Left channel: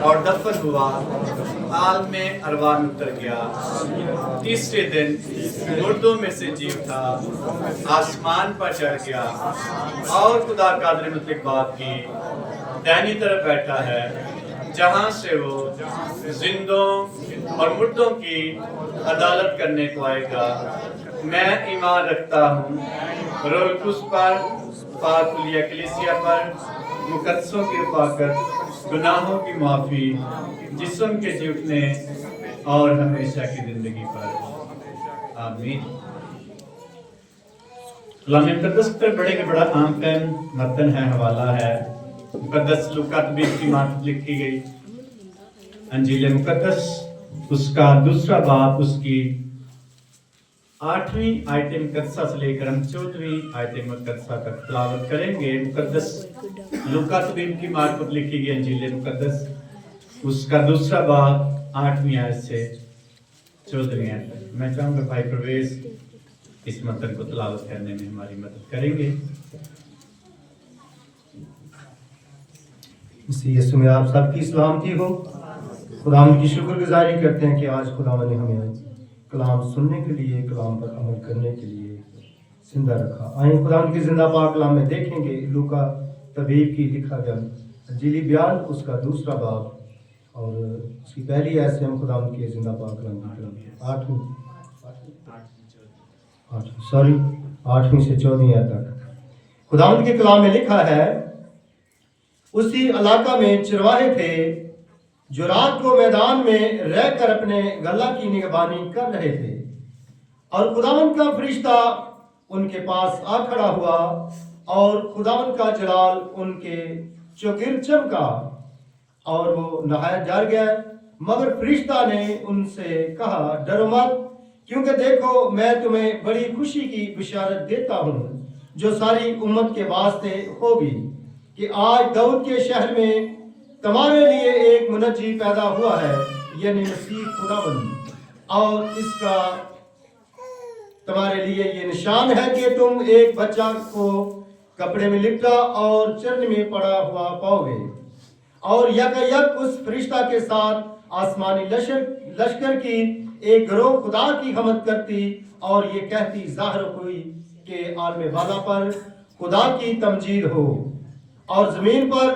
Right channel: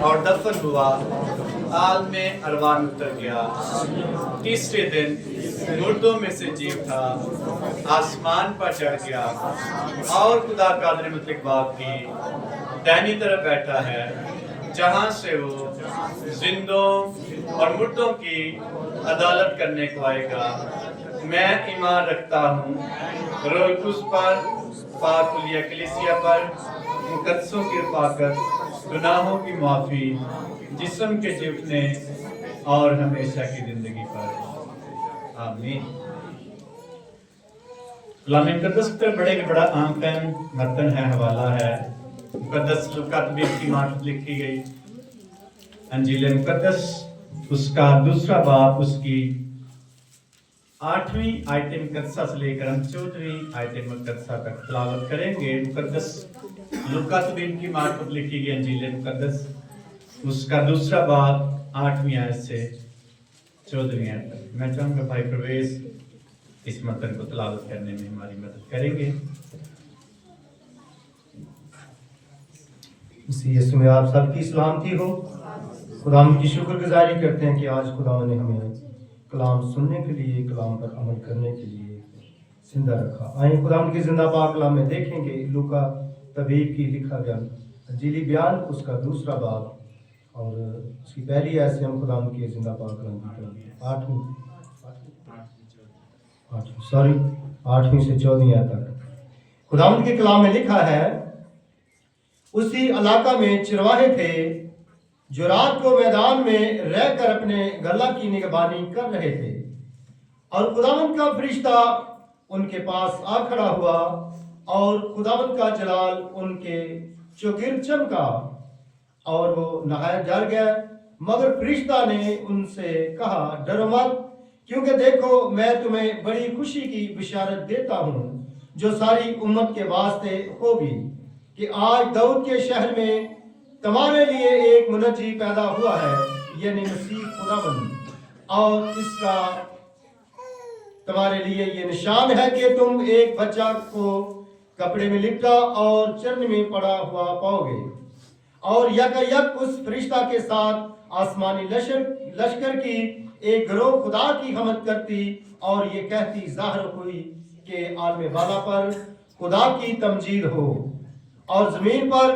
और दफन हुआ, आलम अरवान उतर गया। तीसरे दिन मुर्दों में से जी उठा, आसमान पर चढ़ गया और खुदा कादर मुतलक बात की दाहिनी तरफ बैठा है, जहां से वो जिंदों और मुर्दों की अदालत करने को आएगा। मैं ईमान रखता हूँ रूह कुद्स पर, पाकुलिया कलीसिया पर, मुकद्दसों की रफ़ाकत, गुनाहों की माफ़ी, जिस्म के जी उठने और हमेशा की ज़िंदगी पर। आमीन। कलाम मुक़द्दस पर बड़े बड़ा आम पेन मतन है, हवाला है मुक़द्दस लूका की मार्फत लिखी गई अंजील मुक़द्दस, उसका दूसरा बाब, उसकी 8वीं आयत मुक़द्दसा से लेकर हम 14वीं आयत मुक़द्दसा तक तिलावत करेंगे। मुक़द्दस लूका की मार्फत लिखी गई अंजील मुक़द्दस, उसका दूसरा बाब 8वीं आयत से 14वीं आयत तक। मैं चाहूँगा भाई प्रवेश इस मतन को तिलावत करने में हमारी मदद करेंगे। यीशु में आप सबकी सलामती हो। खुदावंद की शुक्रगुजारी करते हैं कि आज खुदावंद ने हमें कलाम सुनने के लिए, कलाम पर अमल करने के लिए जिंदा रखा। आइए खुदावंद की जिंदा पाक कलाम में देखेंगे लूका तबीब की लिखा गया अंजीली बयान, उसका दूसरा बाब और उसकी पहली आयत से हम खुदावंद की जिंदा पाक कलाम की तरफ 8वीं से 14वीं आयत तक खुदावंद के कलाम में लिखा है, उसी इलाका में चरवाहे थे जो रात को मैदान में रहकर अपने गला की निगरानी कर रहे थे, और खुदावंद का फरिश्ता उनके पास आ खड़ा हुआ और खुदावंद का जलाल उनके चौगिर्द चमका और वो नहायत डर गए। मगर फरिश्ता ने उनसे कहा, डरो मत, क्योंकि देखो मैं तुम्हें बड़ी खुशी की बिशारत देता हूँ जो सारी उम्मत के वास्ते होगी, कि आज दाऊद के शहर में तुम्हारे लिए एक मुनज्जी पैदा हुआ है, यानी मसीह खुदावंद। और इसका तुम्हारे लिए ये निशान है कि तुम एक बच्चा को कपड़े में लिपटा और चरण में पड़ा हुआ पाओगे। और यकायक उस फरिश्ता के साथ आसमानी लश्कर की एक गिरोह खुदा की हमद करती और ये कहती जाहिर हुई कि आलम वाला पर खुदा की तमजीद हो, और जमीन पर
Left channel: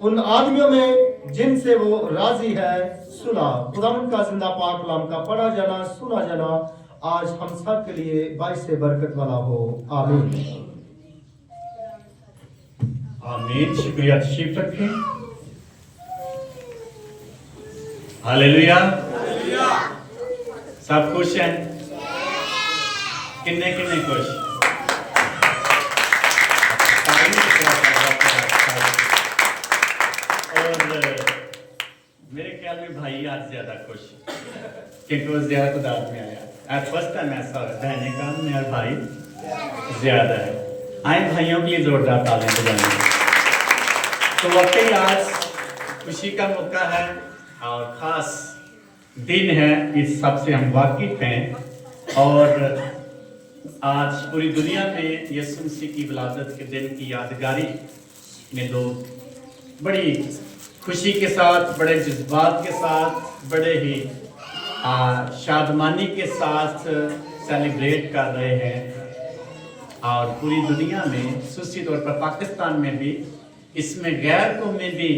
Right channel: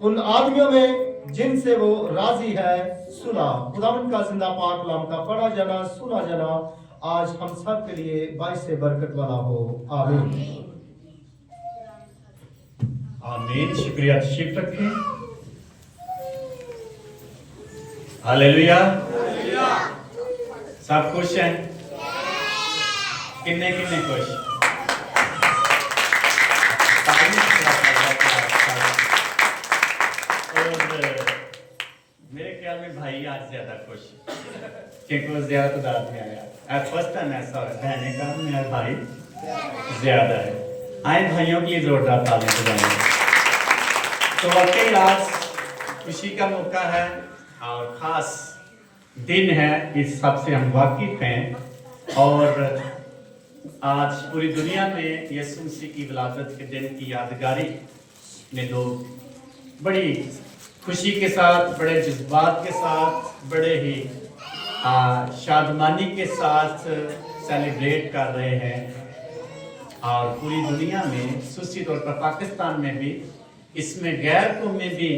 उन आदमियों में जिनसे वो राजी है सुना। खुदावंद का जिंदा पाक कलाम का पढ़ा जाना, सुना जाना आज हम सब के लिए बाइस से बरकत वाला हो। आमीन। आमीन। शुक्रिया, तशरीफ रखें। हालेलुया। सब खुश हैं? किन्ने किन्ने खुश? मेरे ख्याल में भाई आज ज्यादा खुश, क्योंकि वो ज्यादा तादाद में आया। फर्स्ट टाइम ऐसा होता है का मेरा भाई ज्यादा है। आए भाइयों के लिए जोरदार तालियां बजाएंगे। तो वाकई आज खुशी का मौका है और खास दिन है, इस सब से हम वाकिफ हैं। और आज पूरी दुनिया में यीशु मसीह की विलादत के दिन की यादगारी में लोग बड़ी खुशी के साथ, बड़े जज्बात के साथ, बड़े ही शादमानी के साथ सेलिब्रेट कर रहे हैं। और पूरी दुनिया में, दूसरी तौर पर पाकिस्तान में भी इसमें गैर कौमें भी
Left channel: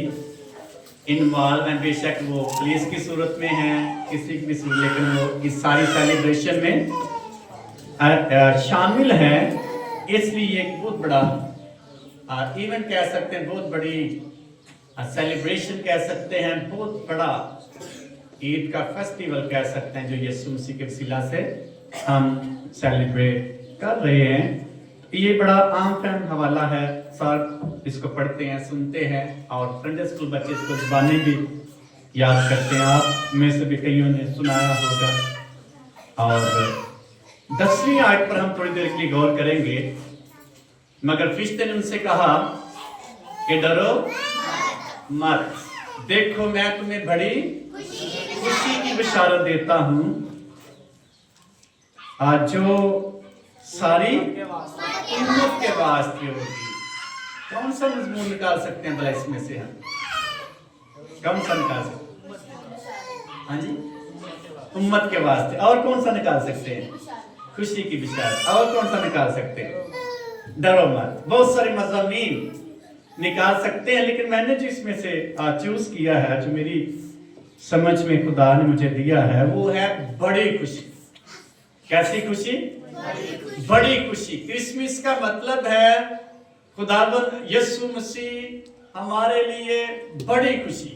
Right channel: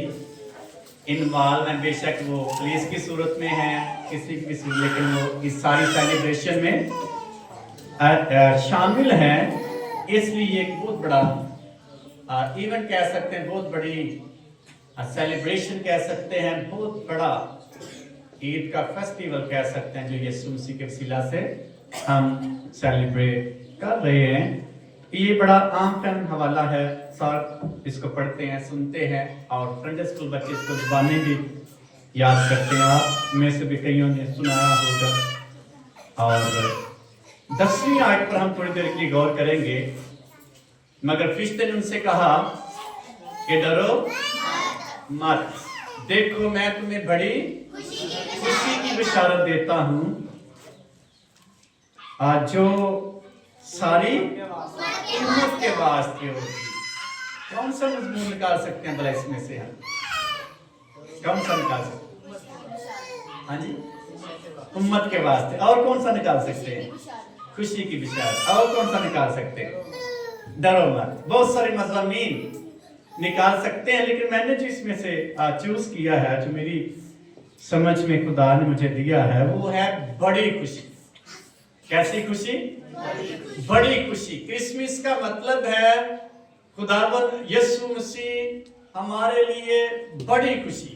इन्वॉल्व हैं। बेशक वो पुलिस की सूरत में हैं, किसी की सूरत, लेकिन वो इस सारी सेलिब्रेशन में शामिल हैं। इसलिए एक बहुत बड़ा इवेंट कह सकते हैं, बहुत बड़ी सेलिब्रेशन कह सकते हैं, बहुत बड़ा ईद का फेस्टिवल कह सकते हैं, जो यीशु मसीह के वसीला से हम सेलिब्रेट कर रहे हैं। ये बड़ा आम टाइम हवाला है, सर इसको पढ़ते हैं, सुनते हैं, और संडे स्कूल बच्चे इसको ज़बानी भी याद करते हैं। आप में से भी कईयों ने सुनाया होगा। और 10वीं आयत पर हम थोड़ी देर के लिए गौर करेंगे। मगर फरिश्ते ने उनसे कहा कि डरो मत, देखो मैं तुम्हें बड़ी खुशी की बिशारत देता हूं, आज जो सारी उम्मत के वास्ते होगी। कौन सा मजमून निकाल सकते हैं भला इसमें से हम? कौन सा निकाल सकते? हाँ जी, उम्मत के वास्ते। और कौन सा निकाल सकते हैं? खुशी की बिशारत। और कौन सा निकाल सकते हैं? डरो मत। बहुत सारे मज़ामीन निकाल सकते हैं, लेकिन मैंने जो इसमें से चूज किया है, जो मेरी समझ में खुदा ने मुझे दिया है, वो है बड़ी खुशी। कैसी खुशी? बड़ी खुशी। क्रिसमस का मतलब है खुदावन यीशु मसीह हमारे लिए बड़ी खुशी।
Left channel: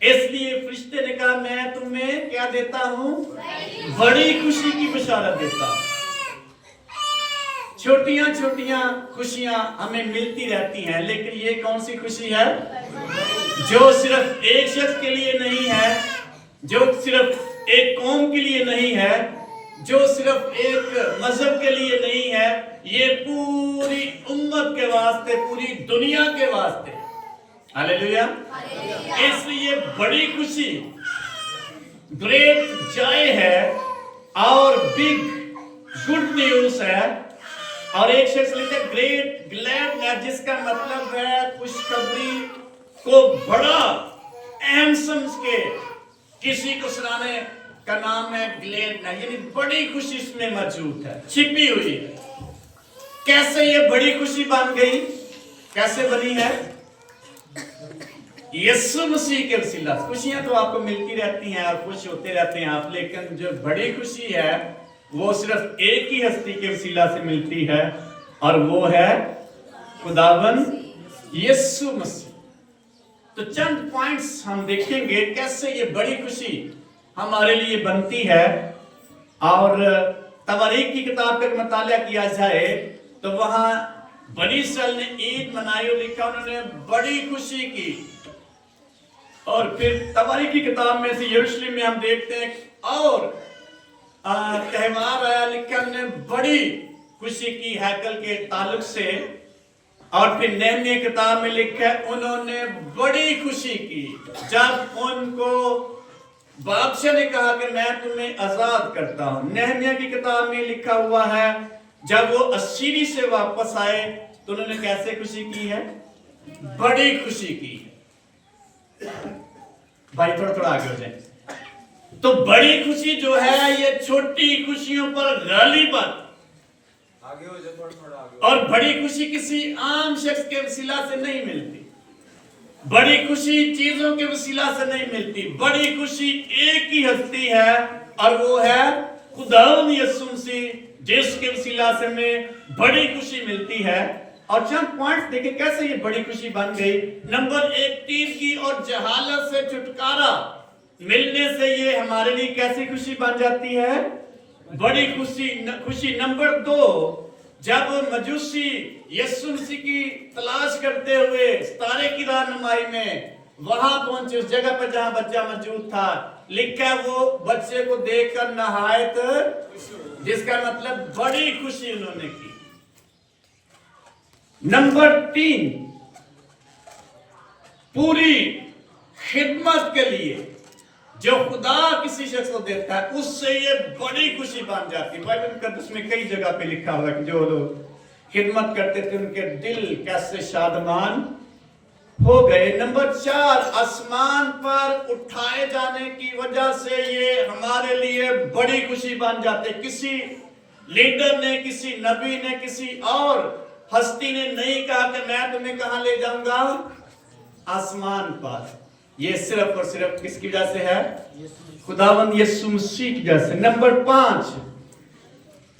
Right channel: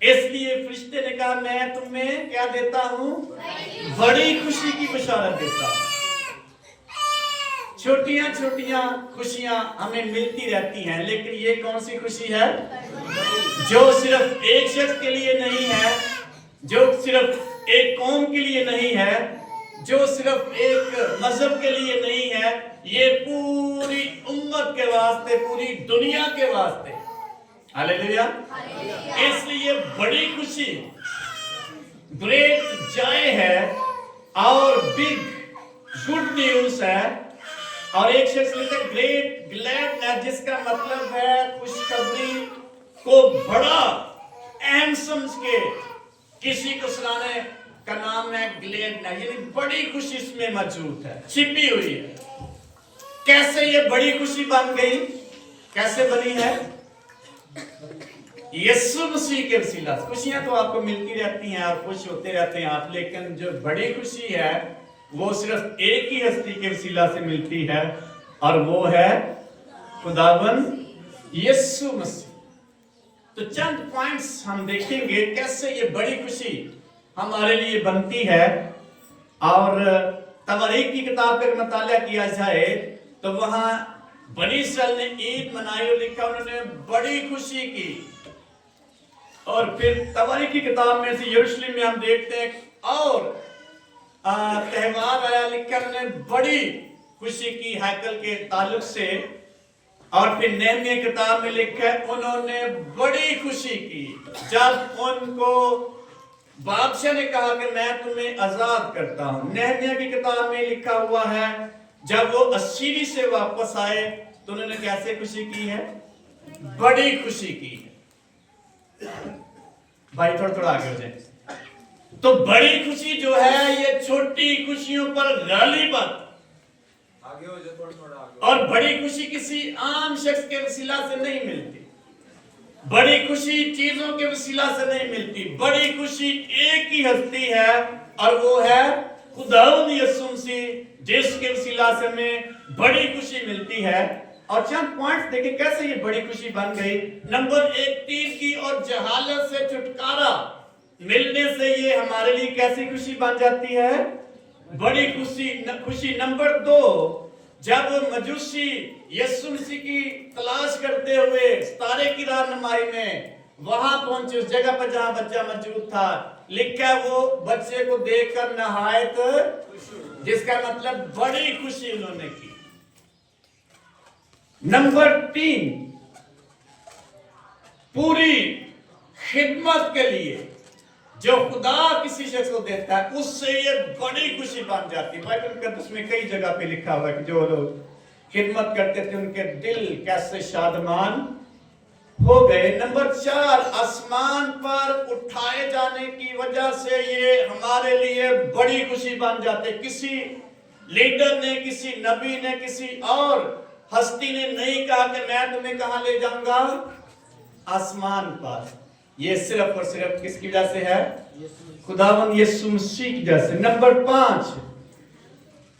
इसलिए फरिश्ते ने कहा, मैं तुम्हें क्या देता हूं? बड़ी खुशी की बशारत देता हूं। छोटियां छोटियां खुशियां हमें मिलती रहती हैं, लेकिन ये कौन सी खुशी है? जो सिर्फ एक शख्स के लिए नहीं है, जो सिर्फ एक कौम के लिए नहीं है, जो सिर्फ एक मजहब के लिए नहीं है, ये पूरी उम्मत के वास्ते, पूरी दुनिया के वास्ते। हालेलुया। इसलिए बड़ी खुशी, ग्रेट जॉय है और बिग गुड न्यूज है। और एक शख्स लिखा ग्रेट ग्लैडनेस, जिसका मतलब है खुशखबरी को बड़ा अहम समझ के किसी को सुनाने का नाम है ग्लैडनेस, यानी बड़ी खुशी इसमें मौजूद है, छिपी हुई है। कैसे ये बड़ी खुशी बन गई? कैसे बनी है? यीशु मसीह के वसीला। खुशियां तो आपको मिलती रहती हैं और खुश होते रहते हैं आप, लेकिन जो बड़ी खुशी है वो सिर्फ एक ही हस्ती के वसीला से मिलती है, और वो है खुदावन यीशु मसीह। तो चंद पॉइंट्स हम देखेंगे कैसे ये बड़ी खुशी हमारे लिए बनती है। और तवारीख की किताब का मुताला किया जाए तो वहां बनी इस्राएल ने ईद मनाई और लिखा उन्होंने बड़ी खुशी की। और फिर तवारीख की किताब में से यरूशलेम में हम देखते हैं और त्योहार आया, लिखा उन्होंने बड़ी खुशी की हैकल के ताल्लुक से। और फिर नेहमिया किताब में लिखा है उन्होंने बड़ी खुशी की जब उनको बादशाह ने कहा कि मैं तुम्हें आजाद करता हूं। नेहमिया की किताब में लिखा हुआ है जब वो असीरी से वापस आए तो उन्होंने कैसे खुशी की है? बड़ी खुशी की। भाई थोड़ा थोड़ा आगे हो जाए। तो बड़ी खुशी जो है ये छोटी खुशियों पर गालिबन, आगे हो जाए, थोड़ा आगे। और बड़ी खुशी किसी आम शख्स के वसीला से नहीं मिलती। बड़ी खुशी चीजों के वसीला से नहीं मिलती। बड़ी खुशी एक ही हस्ती है और वो है खुदावंद यीशु मसीह, जिसके वसीला से हमें बड़ी खुशी मिलती है। और चंद पॉइंट्स देखें कैसे ये बड़ी खुशी बन गई। नंबर एक, तीर की और जहालत से छुटकारा मिलने से ये हमारे लिए कैसी खुशी बन जाती है? बड़ी खुशी। नंबर दो, जब मजूसी यीशु मसीह की तलाश करते हुए सितारे की रहनुमाई में वहां पहुंचे, उस जगह पर जहां बच्चा मौजूद था, लिखा है वो बच्चे को देखकर नहायत, जिसका मतलब बड़ी खुशी उन्होंने की। नंबर तीन, पूरी खिदमत के लिए जो खुदा किसी शख्स को देता है उससे ये बड़ी खुशी बन जाती है। बाइबल मुकद्दस में कई जगह पे लिखा हुआ है कि जो लोग खिदमत करते थे उनके दिल कैसे शादमान हो गए। नंबर चार, आसमान पर उठाए जाने की वजह से ये हमारे लिए बड़ी खुशी बन जाते। किसी लीडर ने, किसी नबी ने, किसी और हस्ती ने नहीं कहा कि मैं तुम्हें कहां ले जाऊंगा? आसमान पर। ये सिर्फ और सिर्फ किसकी वजह से है? खुदावंद यीशु मसीह की वजह से। नंबर पांच,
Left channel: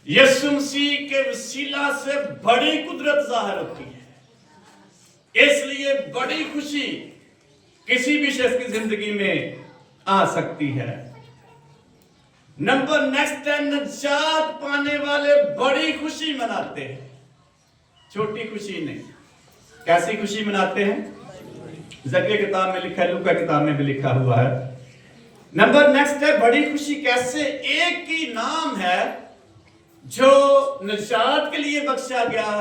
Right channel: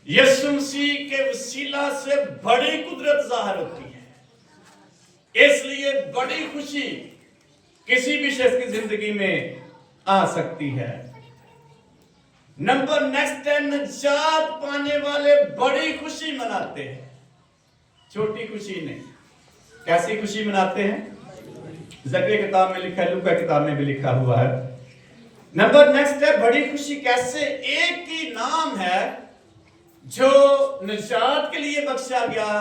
यीशु मसीह के वसीला से बड़ी कुदरत जाहिर होती है। इसलिए बड़ी खुशी किसी भी शख्स की जिंदगी में आ सकती है। नंबर नेक्स्ट है, निजात पाने वाले बड़ी खुशी मनाते हैं, छोटी खुशी नहीं। कैसी खुशी मनाते हैं? ज़करिया किताब में लिखा है, लूका किताब में भी लिखा हुआ है। नंबर नेक्स्ट है, बड़ी खुशी कैसे? एक ही नाम है जो निजात के लिए बख्शा गया,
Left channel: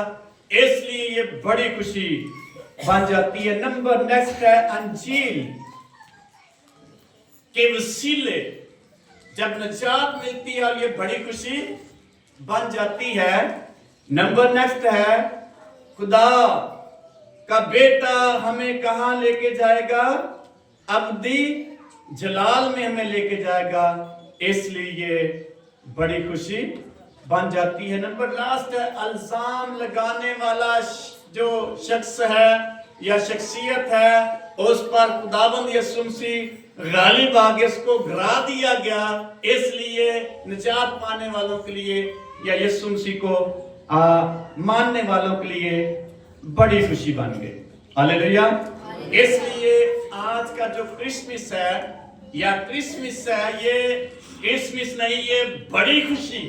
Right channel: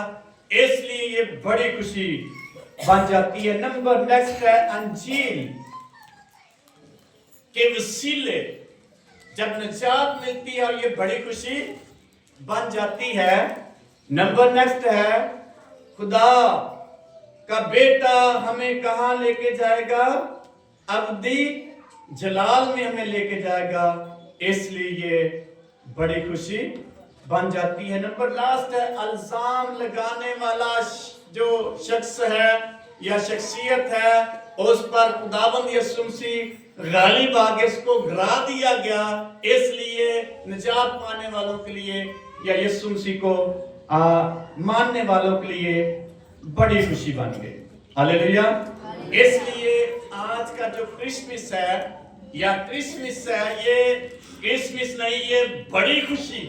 इसलिए ये बड़ी खुशी बन जाती है। नंबर नेक्स्ट है, अंजील के वसीले जब निजात मिलती है और ये बड़ी खुशी बन जाती है। नंबर नेक्स्ट है, खुदा का बेटा हमें कहां लेके जाएगा? अब्दी जलाल में हमें लेके जाएगा। इसलिए ये बड़ी खुशी बन जाती है। नंबर लास्ट है, अल्जाम लगाने वाला जो शख्स है या शख्सियत है, उस पर खुदाबंद यीशु मसीह गालिब आ गया, उसको गिरा दिया गया। इसलिए निजात पाने वालों के लिए या यीशु मसीह को मानने वालों के लिए बड़ी खुशी बन गई। हालेलुया। इसलिए आज का जो क्रिसमस है या क्रिसमस है, ये क्रिसमस नहीं, ये बड़ी खुशी।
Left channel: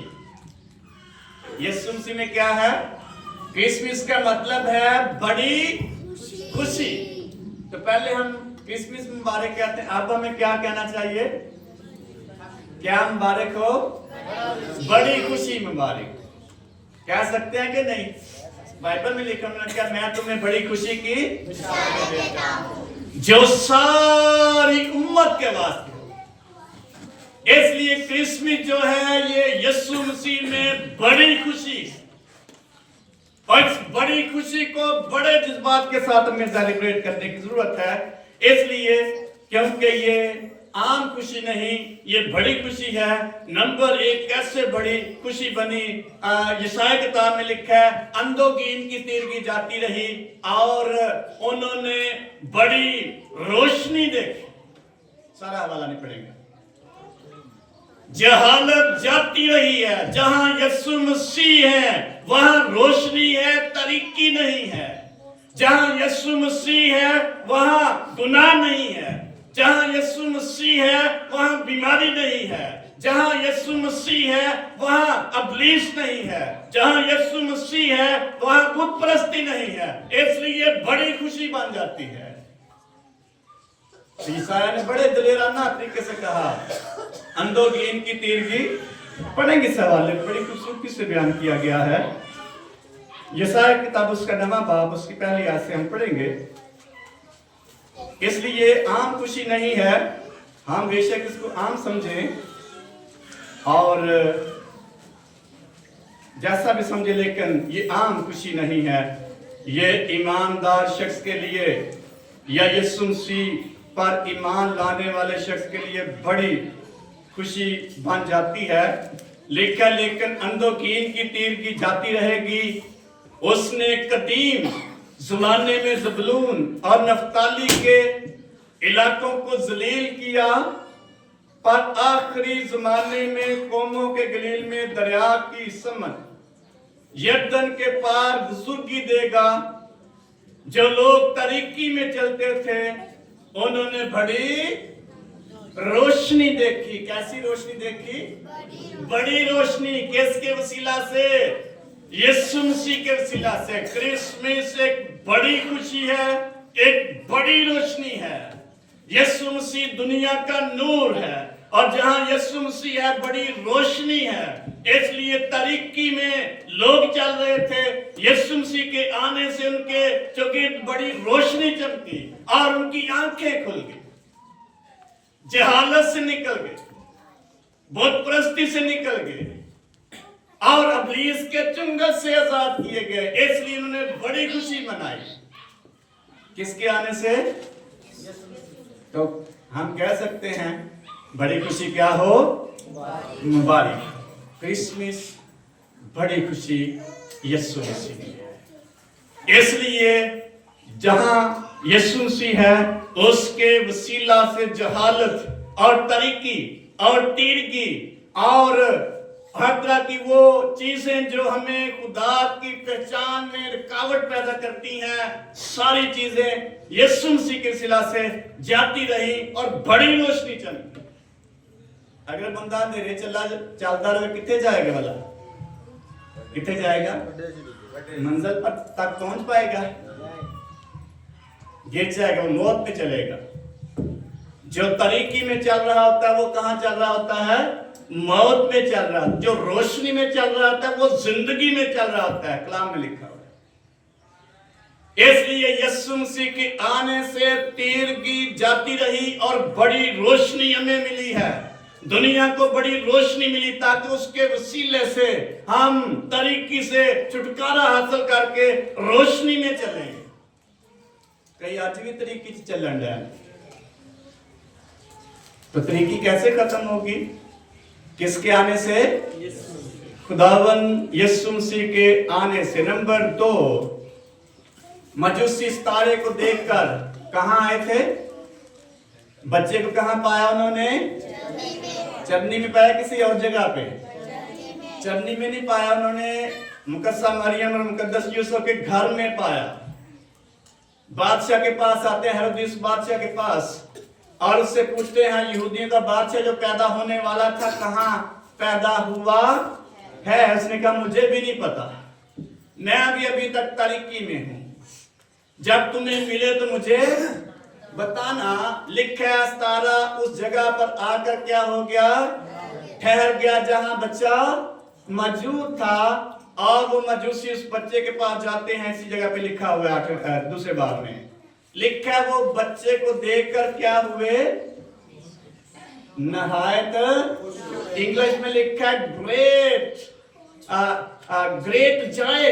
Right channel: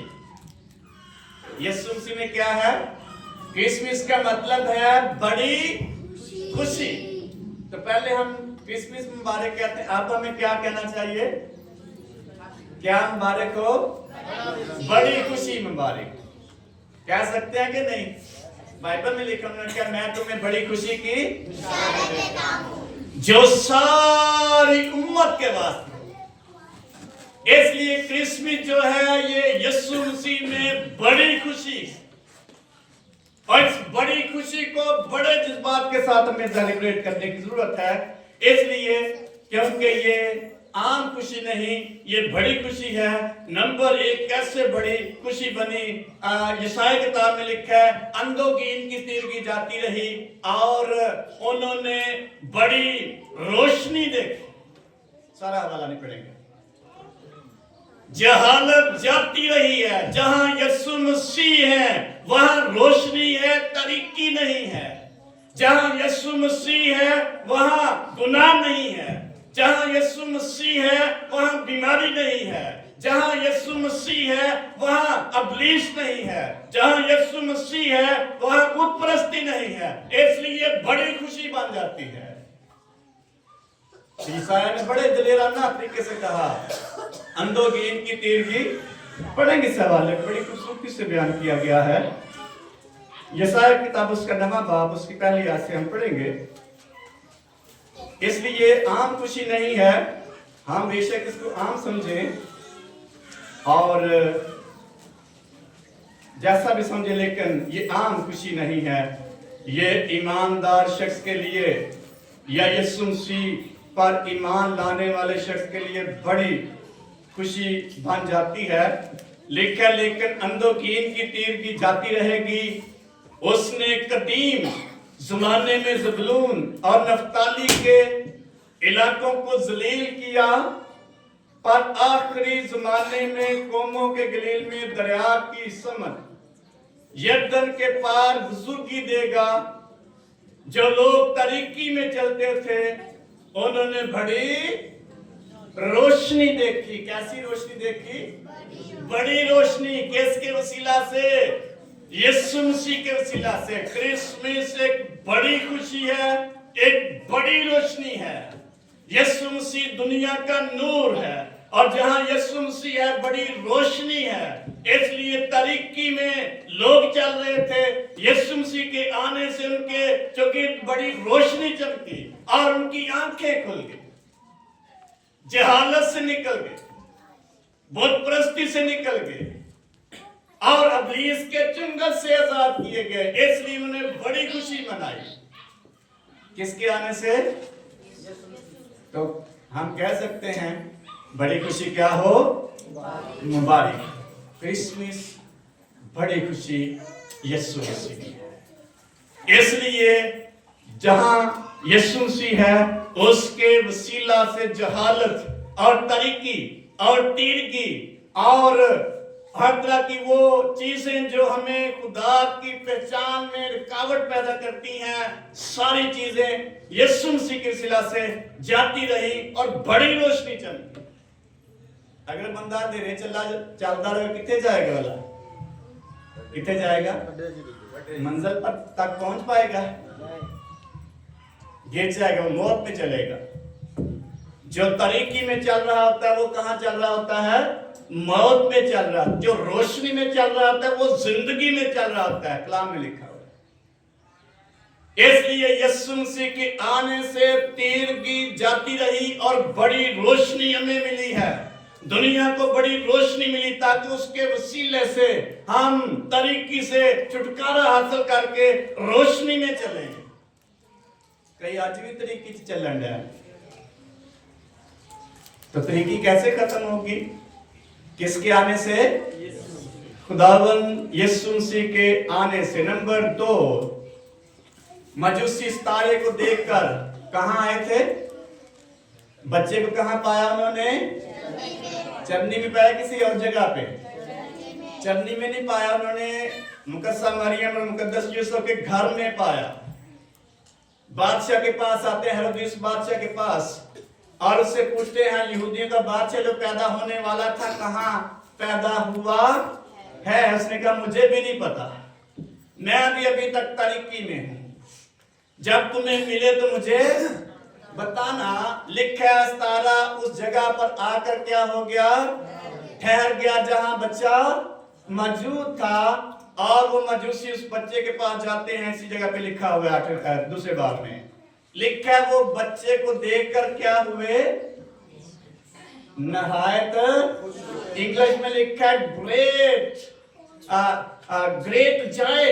यीशु मसीह में क्या है? क्रिसमस का मतलब है बड़ी खुशी। तो पहले हम क्रिसमस मुबारक कहते हैं, अब हमें क्या कहना चाहिए? क्या मुबारक हो? बड़ी खुशी मुबारक कह सकते हैं कि नहीं? बाइबल में लिखा उन्होंने क्या, मैं तुम्हें बड़ी खुशी की जो सारी उम्मत के वास्ते। इसलिए क्रिसमस जो है ये यीशु मसीह में बड़ी खुशी, और इस बड़ी खुशी को बड़े जज्बात के साथ हमें सेलिब्रेट करने की जरूरत है। इसलिए क्योंकि ये आम खुशी नहीं, ये बड़ी खुशी है। नंबर एक, कैसे बड़ी खुशी बनी? यशायाह किताब में लिखा है, अंधों की इनकी तीरगी जाती रही और उन्होंने बड़ी रोशनी देखी। सारा हवाला नहीं पड़ेगा। जहालत जाती रही है, जहां यीशु मसीह है वहां रोशनी है, तरीकी नहीं है। जहां यीशु मसीह है वहां गुनाह नहीं है। जहां यीशु मसीह है वहां बीमारी नहीं है। जहां यीशु मसीह है वहां अबलीस नहीं है। जहां यीशु मसीह है वहां बुतपरस्ती नहीं है। इसलिए बड़ी खुशी बन जाती है। ईसाया ने बड़े दलेराना तरीके से कहा, अंधों की इनकी तीरगी, पढ़ेंगे इस हवाले में, बड़ी खूबसूरती से बयान किया गया है। यशायाह किताब उसका 9वां बाब उसकी पहली आयत से हम पढ़ेंगे। इसलिए आम खुशी नहीं है, हम बेशक इसको आम समझें और जैसा भी समझे, लेकिन ये आम खुशी नहीं है। ये ईमानदार शख्स के लिए या यीशु मसीह पर ईमान लाने वाले शख्स के लिए बड़ी खुशी बन जाती है। लेकिन अंधों की इनकी तीरगी जाती रहेगी। उसने कदीम ज़माने में ज़बूलून और नफ्ताली के इलाकों को जलील किया, पर आखिरी ज़माने में कौमों के गलील में दरिया की समझ यर्दन के पार बुजुर्गी देगा। जो लोग तरीकी में चलते थे उन्होंने बड़ी रोशनी देखी। कैसी रोशनी देखी? बड़ी रोशनी। किसके वसीला से? यीशु मसीह के वसीला से। क्रिसमस एक बड़ी खुशी है, एक बड़ी रोशनी है। यीशु मसीह दुनिया का नूर है, और जहां यीशु मसीह है बड़ी रोशनी है। इसलिए तरीकी में लोग चल रहे थे, यीशु मसीह के आने से उनके चौके बड़ी रोशनी चमकी और उनकी आंखें खुल गई, जहालत से निकल गए, बुतपरस्ती से निकल गए और अबलीस के चुंगल से आजाद किए गए। इसलिए उन्होंने बड़ी खुशी मनाई। किसके आने से? तो हम कह सकते हैं बड़ी खुशी क्या हो? मुबारक। क्रिसमस बड़ी खुशी यीशु मसीह की। इसलिए जहां यीशु मसीह है उसके वसीला से जहालत और तरीकी और तीरगी और हर तरह की वो चीजें जो हमें खुदा की पहचान में रुकावट पैदा करती हैं, सारी चीजें यीशु मसीह के वसीला से जाती रही और बड़ी रोशनी चमकी। अगर बंदा अंधेरे चलता रहे कितने जाएगा? वाला कितने जाएगा? मंजिल पर तक पहुंच पाएगा? गिर जाएगा, वो मौत में चलेगा। जो तरीकी में चल रहा होता है वो कहां चल रहा होता है? मौत में चल रहा है। जो रोशनी में चल रहा होता है वो जिंदगी में चल रहा होता है। कलाम में लिखा हुआ है। इसलिए यीशु मसीह के आने से तीरगी जाती रही और बड़ी रोशनी हमें मिली है। दुनिया को बड़ी रोशनी मिली ताकि उसके वसीले से हम तरीकी से छुटकारा हासिल करके रोशनी में चलें। कई आज भी तरीके च चलन रहा है। तो तरीकी कैसे खत्म होगी? किसके आने से? खुदावन यीशु मसीह के आने से। नंबर 2, मजूसी सितारे को देखकर कहां आए थे? बच्चे को कहां पाया उन्होंने? चरनी में पाया, किसी और जगह पे? चरनी में नहीं पाया उन्होंने, मुकद्दसा मरियम और मुकद्दस यूसुफ के घर में पाया। बादशाह के पास आते हैं, हेरोदेस बादशाह के पास, और उससे पूछते हैं यहूदियों का बादशाह जो पैदा होने वाला था कहां पैदा हुआ है? उसने कहा मुझे भी नहीं पता, मैं भी अभी तक तारीकी में हूं, जब तुम्हें मिले तो मुझे बताना। लिखा है सितारा उस जगह पर आकर क्या हो गया? ठहर गया जहां बच्चा मौजूद था, और वो मजूसी उस बच्चे के पास जाते हैं। इसी जगह पे लिखा हुआ है दूसरे बार में लिखा है, वो बच्चे को देखकर क्या हुए? नहायत, इंग्लिश में लिखा है ग्रेट जॉय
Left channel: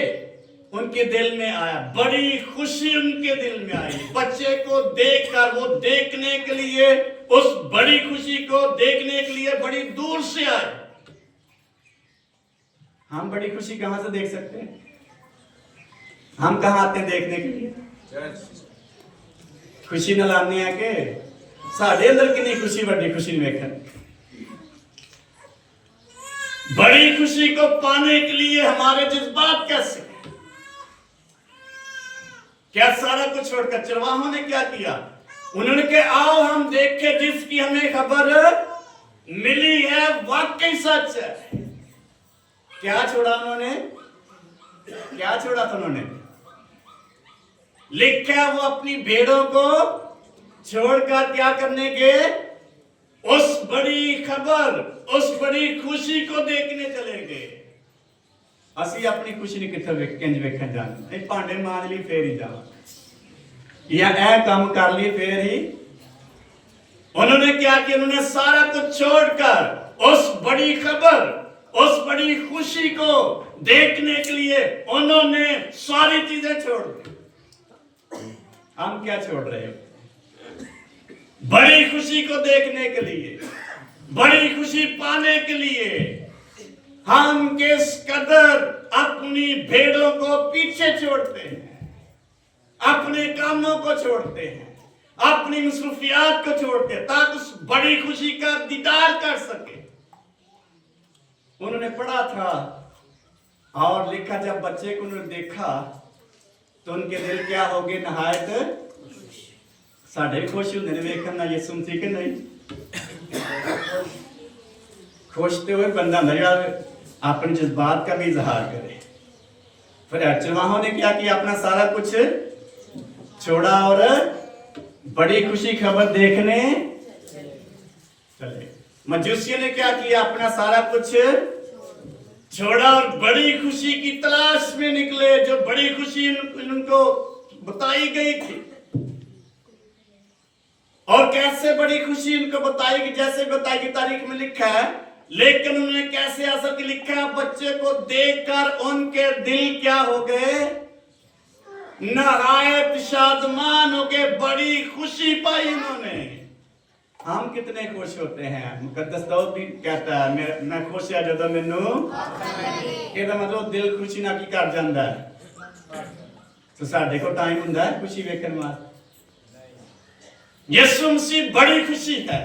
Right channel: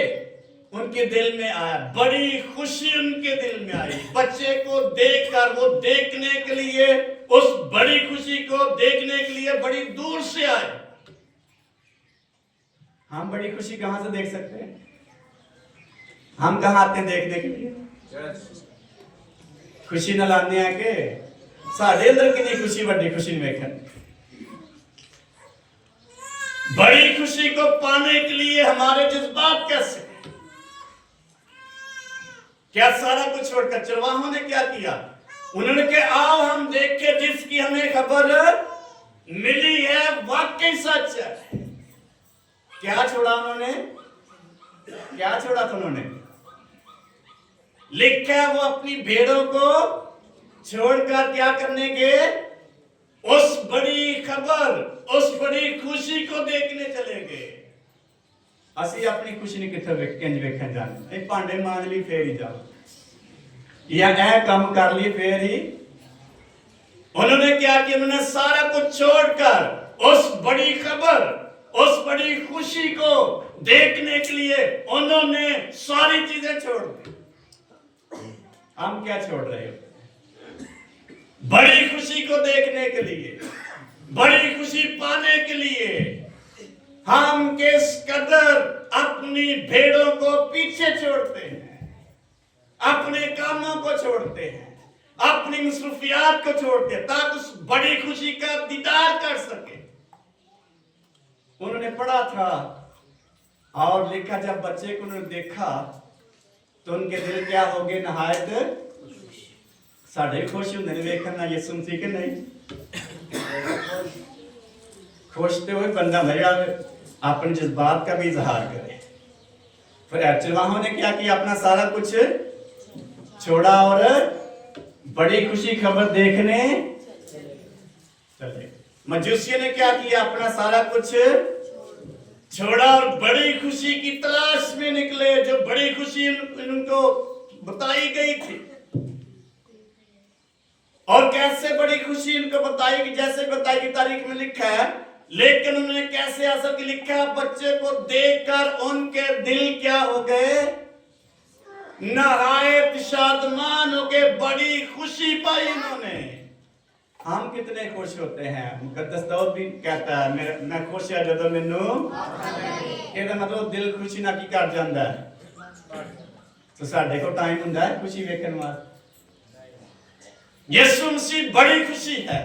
उनके दिल में आया, बड़ी खुशी उनके दिल में आई। बच्चे को देखकर वो देखने के लिए, उस बड़ी खुशी को देखने के लिए बड़ी दूर से आए। हम बड़ी खुशी कहां से देख सकते हैं? हम कहां आते हैं देखने के लिए? खुशी न लाने आके साढ़े अंदर की नहीं खुशी, बड़ी खुशी वेखन। बड़ी खुशी को पाने के लिए हमारे जज्बात कैसे? क्या सारा कुछ छोड़कर चरवाहों ने क्या किया? उन्होंने कहा आओ हम देखें जिसकी हमें खबर मिली है वाकई सच है। क्या छोड़ा उन्होंने? क्या छोड़ा था उन्होंने? लिखा वो अपनी भेड़ों को छोड़कर क्या करने के? उस बड़ी खबर, उस बड़ी खुशी को देखने चले गए। ਅਸੀਂ ਆਪਣੀ ਖੁਸ਼ੀ ਨਹੀਂ ਕਿੱਥੇ ਕਿੰਜ ਵੇਖਣ ਜਾਣਾ? ਇਹ ਭਾਂਡੇ ਮਾਂਜ ਲਈ ਫੇਰ ਹੀ ਜਾਵਾਂ ਜਾਂ ਇਹ ਕੰਮ ਕਰ ਲਈ ਫੇਰ ही। उन्होंने क्या किया? उन्होंने सारा कुछ छोड़कर उस बड़ी खबर, उस बड़ी खुशी को देखने के लिए उन्होंने सारी चीजें छोड़ दी। हम क्या छोड़ रहे हैं? बड़ी खुशी को देखने के लिए, बड़ी खुशी पाने के लिए हम किस कदर अपनी भेड़ों को पीछे छोड़ते हैं, अपने कामों को छोड़ते हैं, अपनी मसरूफियात को छोड़ते हैं, ताकि उस बड़ी खुशी का दीदार कर सके। उन्होंने पढ़ा था और लिखा, जब बच्चे को उन्होंने देखा तो उनके दिल क्या हो गए? नहायत साढ़े खुश होंगे ने वेखना यीशु मसीह के नहीं खुशते हुए बंदा नया अपने जज्बात का भी इजहार करे। फिर चरवाहों ने क्या किया? अपना सारा कुछ छोड़ा और बड़ी खुशी खबर देखने चले। मजूसियों ने क्या किया? अपना सारा कुछ छोड़ा और बड़ी खुशी की तलाश में निकले, जो बड़ी खुशी उनको बताई गई थी। और कैसे बड़ी खुशी उनको बताई गई? जैसे बताई गई तारीख में लिखा है, लेकिन उन्होंने कैसे ऐसा कि लिखा है, बच्चे को देखकर उनके दिल क्या हो गए? नहायत शादमान हो गए, बड़ी खुशी पाई उन्होंने। हम कितने खुश होते हैं? मुकद्दस दाऊद भी कहता है मैं खुश है जब मैनू ਇਹਦਾ मतलब दिल खुशी ना की कर ਜਾਂਦਾ है। तो साडे को टाइम ਹੁੰਦਾ है खुशी ਵੇਖਣ ਵਾਸਤੇ। यीशु मसीह बड़ी खुशी है,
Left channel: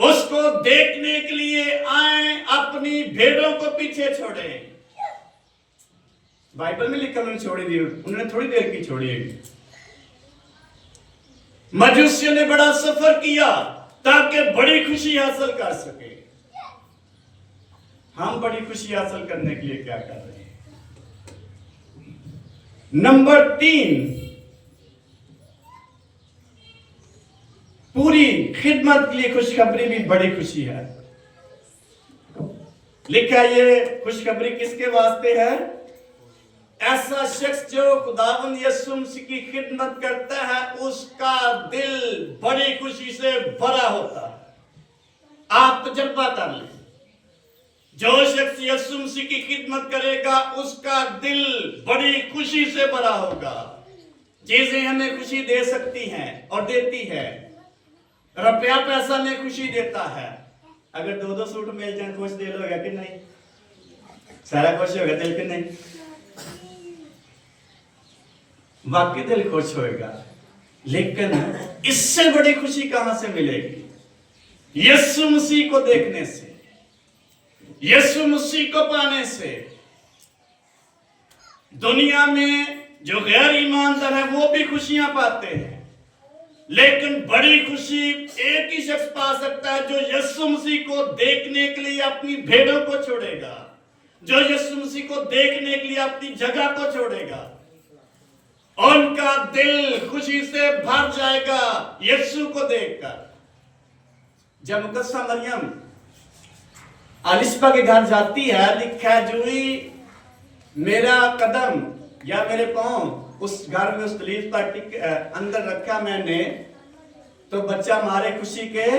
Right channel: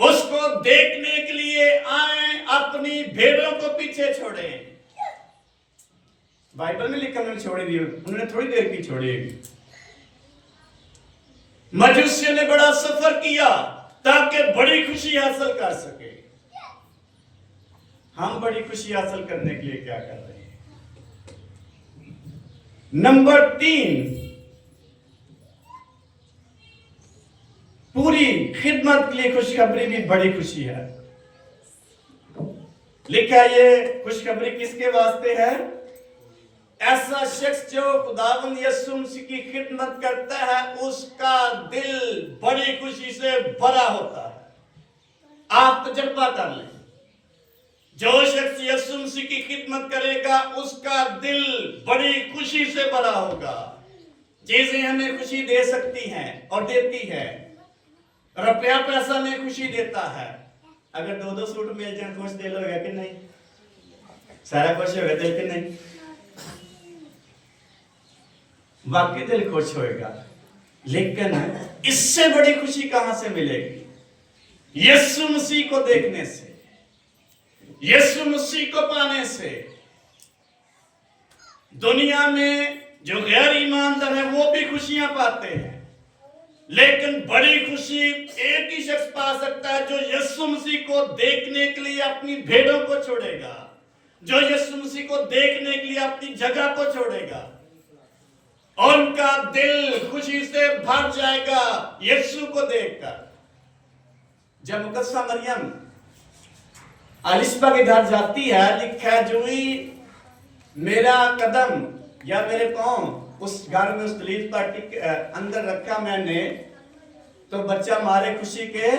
उसको देखने के लिए आए, अपनी भेड़ों को पीछे छोड़े। बाइबल में लिखा उन्होंने छोड़ी दी, उन्होंने थोड़ी देर की छोड़ी। मजूसियों ने बड़ा सफर किया ताकि बड़ी खुशी हासिल कर सके। हम बड़ी खुशी हासिल करने के लिए क्या कर रहे हैं? नंबर 3, पूरी खिदमत के लिए खुशखबरी भी बड़ी खुशी है। लिखा ये खुशखबरी किसके वास्ते है? ऐसा शख्स जो खुदावंद यीशु मसीह की खिदमत करता है, उसका दिल बड़ी खुशी से भरा होता है। आप तजर्बा कर लें, जो शख्स यीशु मसीह की खिदमत करेगा उसका दिल बड़ी खुशी से भरा होगा। चीजें हमें खुशी दे सकती हैं और देती है। रुपया पैसा में खुशी देता है। अगर 2-2 सूट मिल जाए खुश दिल होगा कि नहीं? सारा खुश होगा दिल कि नहीं? वाकई दिल खुश होएगा। लेकिन इससे बड़ी खुशी कहां से मिलेगी? यीशु मसीह को देखने से, यीशु मसीह को पाने से। दुनिया में जो गैर ईमानदार है वो भी खुशियां पाते हैं, लेकिन बड़ी खुशी एक ही शख्स पा सकता है जो यीशु मसीह को देखने के लिए अपनी भेड़ों को छोड़ेगा, जो यीशु मसीह को देखने के लिए अपनी जगह को छोड़ेगा। उनका दिल खुशी से भर जाएगा यीशु को देखकर। जब मुकद्दसा मरियम अलिस्बा के घर जाती है, लिखा है जो ही मेरा कदम या मेरे पांव उस घर में उस दलील पर अंदर रखा मैंने, तो बच्चा मारे खुशी के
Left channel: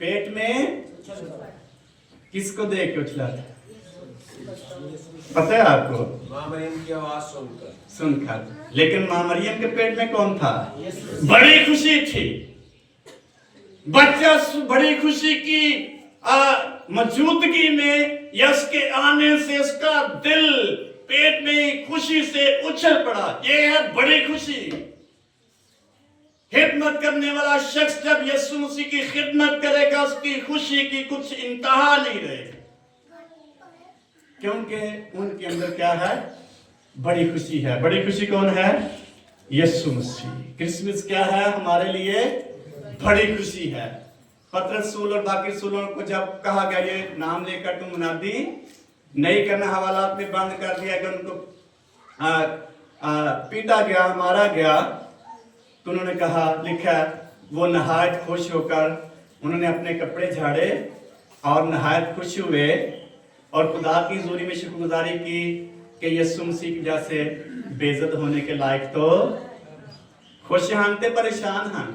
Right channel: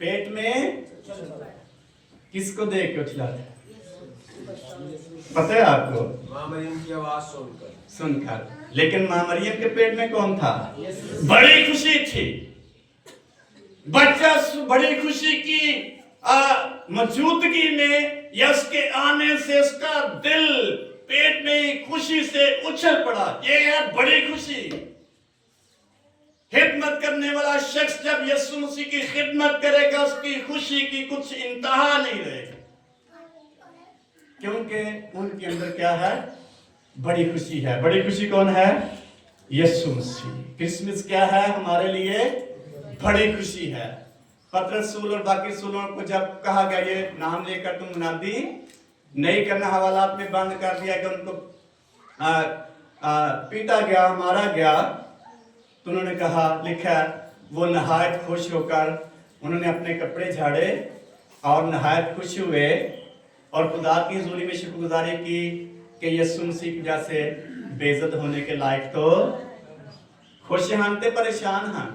पेट में किसको देख के उछला? पता है आपको? मां मरियम की आवाज सुनकर। लेकिन मां मरियम के पेट में कौन था? बड़ी खुशी थी। बच्चा बड़ी खुशी की मौजूदगी में या उसके आने से उसका दिल पेट में खुशी से उछल पड़ा। ये है बड़ी खुशी। खिदमत करने वाला शख्स जब यीशु मसीह की खिदमत करेगा, उसकी खुशी की कुछ इंतहा नहीं रहेगी, क्योंकि उनके अंदर क्या है? बड़ी खुशी है। बड़ी खुशी कौन है? यीशु मसीह। क्रिसमस क्या है हमारे लिए? बड़ी खुशी है। पतरस रसूल और बाकी रसूलों को जब कहा गया ये नाम लेकर तुम मुनादी नहीं करना, हवालात में बंद कर दिया कि उनको पीटा गया, मारा गया, तो उन्होंने कहा, लिखा वो नहायत खुश होकर उन्होंने अपने कपड़े झाड़े और नहायत खुश हुए और खुदा की हुजूरी में शुक्रगुजारी की कि यीशु मसीह की वजह से बेइज्जत होने के लायक तो खुश हैं, ते परेशान हैं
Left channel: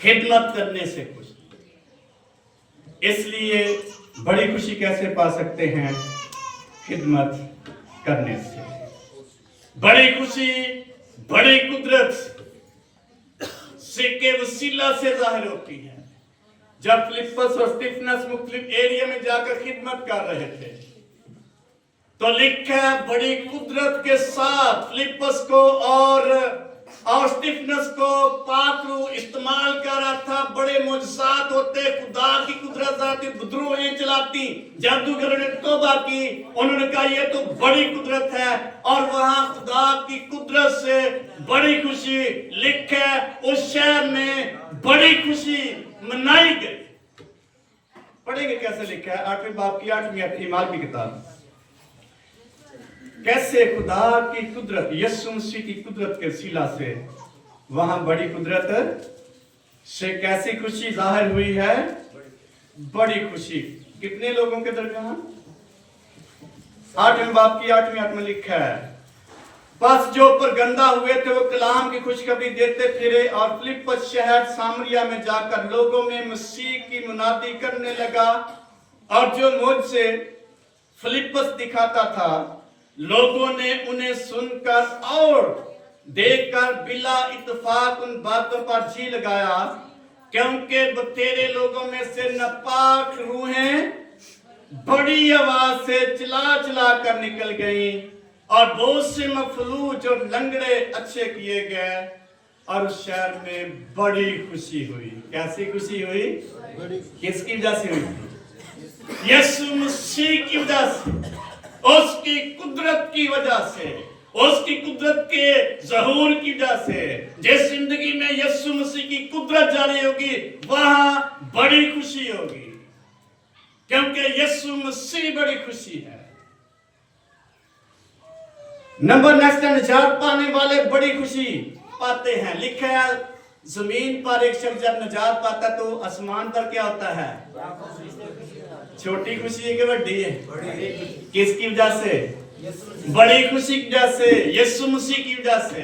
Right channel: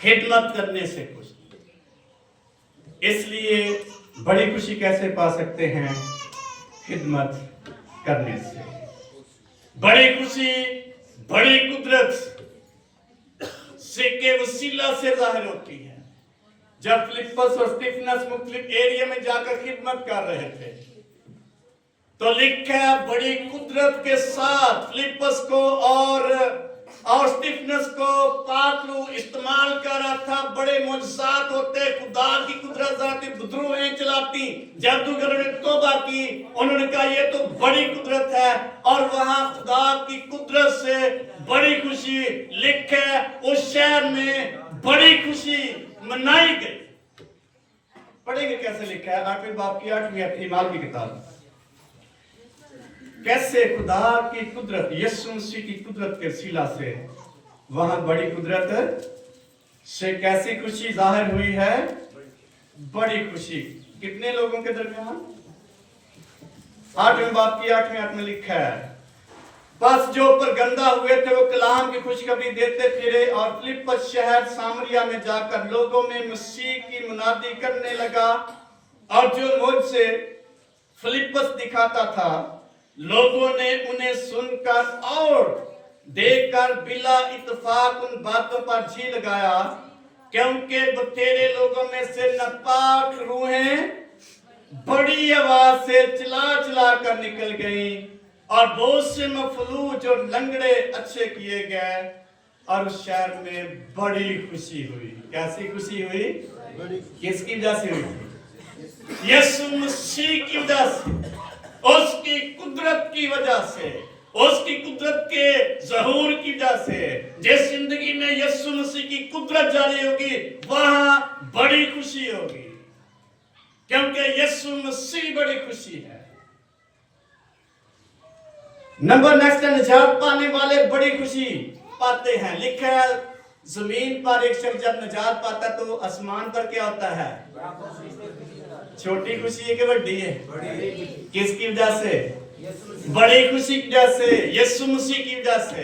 खिदमत करने से खुश। इसलिए बड़ी खुशी कैसे पा सकते हैं? खिदमत करने से। बड़ी खुशी बड़ी कुदरत से के वसीला से जाहिर होती है। जब फिलिप्पस और स्तिफनस मुख्तलिफ एरिया में जाकर खिदमत कर रहे थे, तो लिखा है बड़ी कुदरत के साथ फिलिप्पस को और स्तिफनस को पात्रू इस्तेमाल कर रहा था। बड़े मुजसात होते, खुदा की कुदरत आती, विद्रोहें चलाती, जादूगरों ने तौबा की। उन्होंने कहा ये तो बड़ी कुदरत है, और वहां खुदा की कुदरत से बड़ी खुशी लिखे उस शहर में बड़ी खुशी मनाई गई। पढ़ेंगे कैसे लिखा है 8वें बाब की 8वीं अध्याय की किताब, कैसे खुदा की कुदरत, यीशु मसीह की कुदरत के वसीला से वहां बड़ी कुदरत से कैसी खुशी जाहिर हुई है। बड़ी खुशी कितने लोगों के दरमियान? 8वें बाब की 8वीं आयत में लिखा है, बस जो ऊपर गंदा हुए थे वो कलाम की खुशखबरी देते फिरे और फिलिप्पस शहर सामरिया में जाकर लोगों में मसीह की मुनादी करने लगा। और जो मुझसे फिलिप्पस दिखाता था, लोगों ने उन्हें सुनकर और देखकर बिला इत्तेफाक उन बातों पर जी लगाया, क्योंकि बतेरे लोगों में से नापाक रूहें बड़ी आवाज से चिल्ला चिल्ला कर निकल गई और बहुत से मफलूज और लंगड़े अच्छे किए गए और उस शहर में बड़ी खुशी हुई। कैसी खुशी हुई? किसकी वजह से हुई? यीशु मसीह की वजह से, उसकी कुदरत की वजह से, उसकी कुदरत के ज़हूर की वजह से। जिस जिंदगी में यीशु मसीह की कुदरत जारी होगी वहां बड़ी खुशी होगी, क्योंकि यीशु मसीह बड़ी खुशी है। नंबर नेक्स्ट, निजात पाने वाले बड़ी खुशी पाते हैं। लिखा है जमीन पर एक शख्स जब निजात पाता तो आसमान पर क्या होता है? छोटी खुशी है कि बड़ी है? किसकी वजह से? बड़ी खुशी की वजह से, यीशु मसीह की वजह से।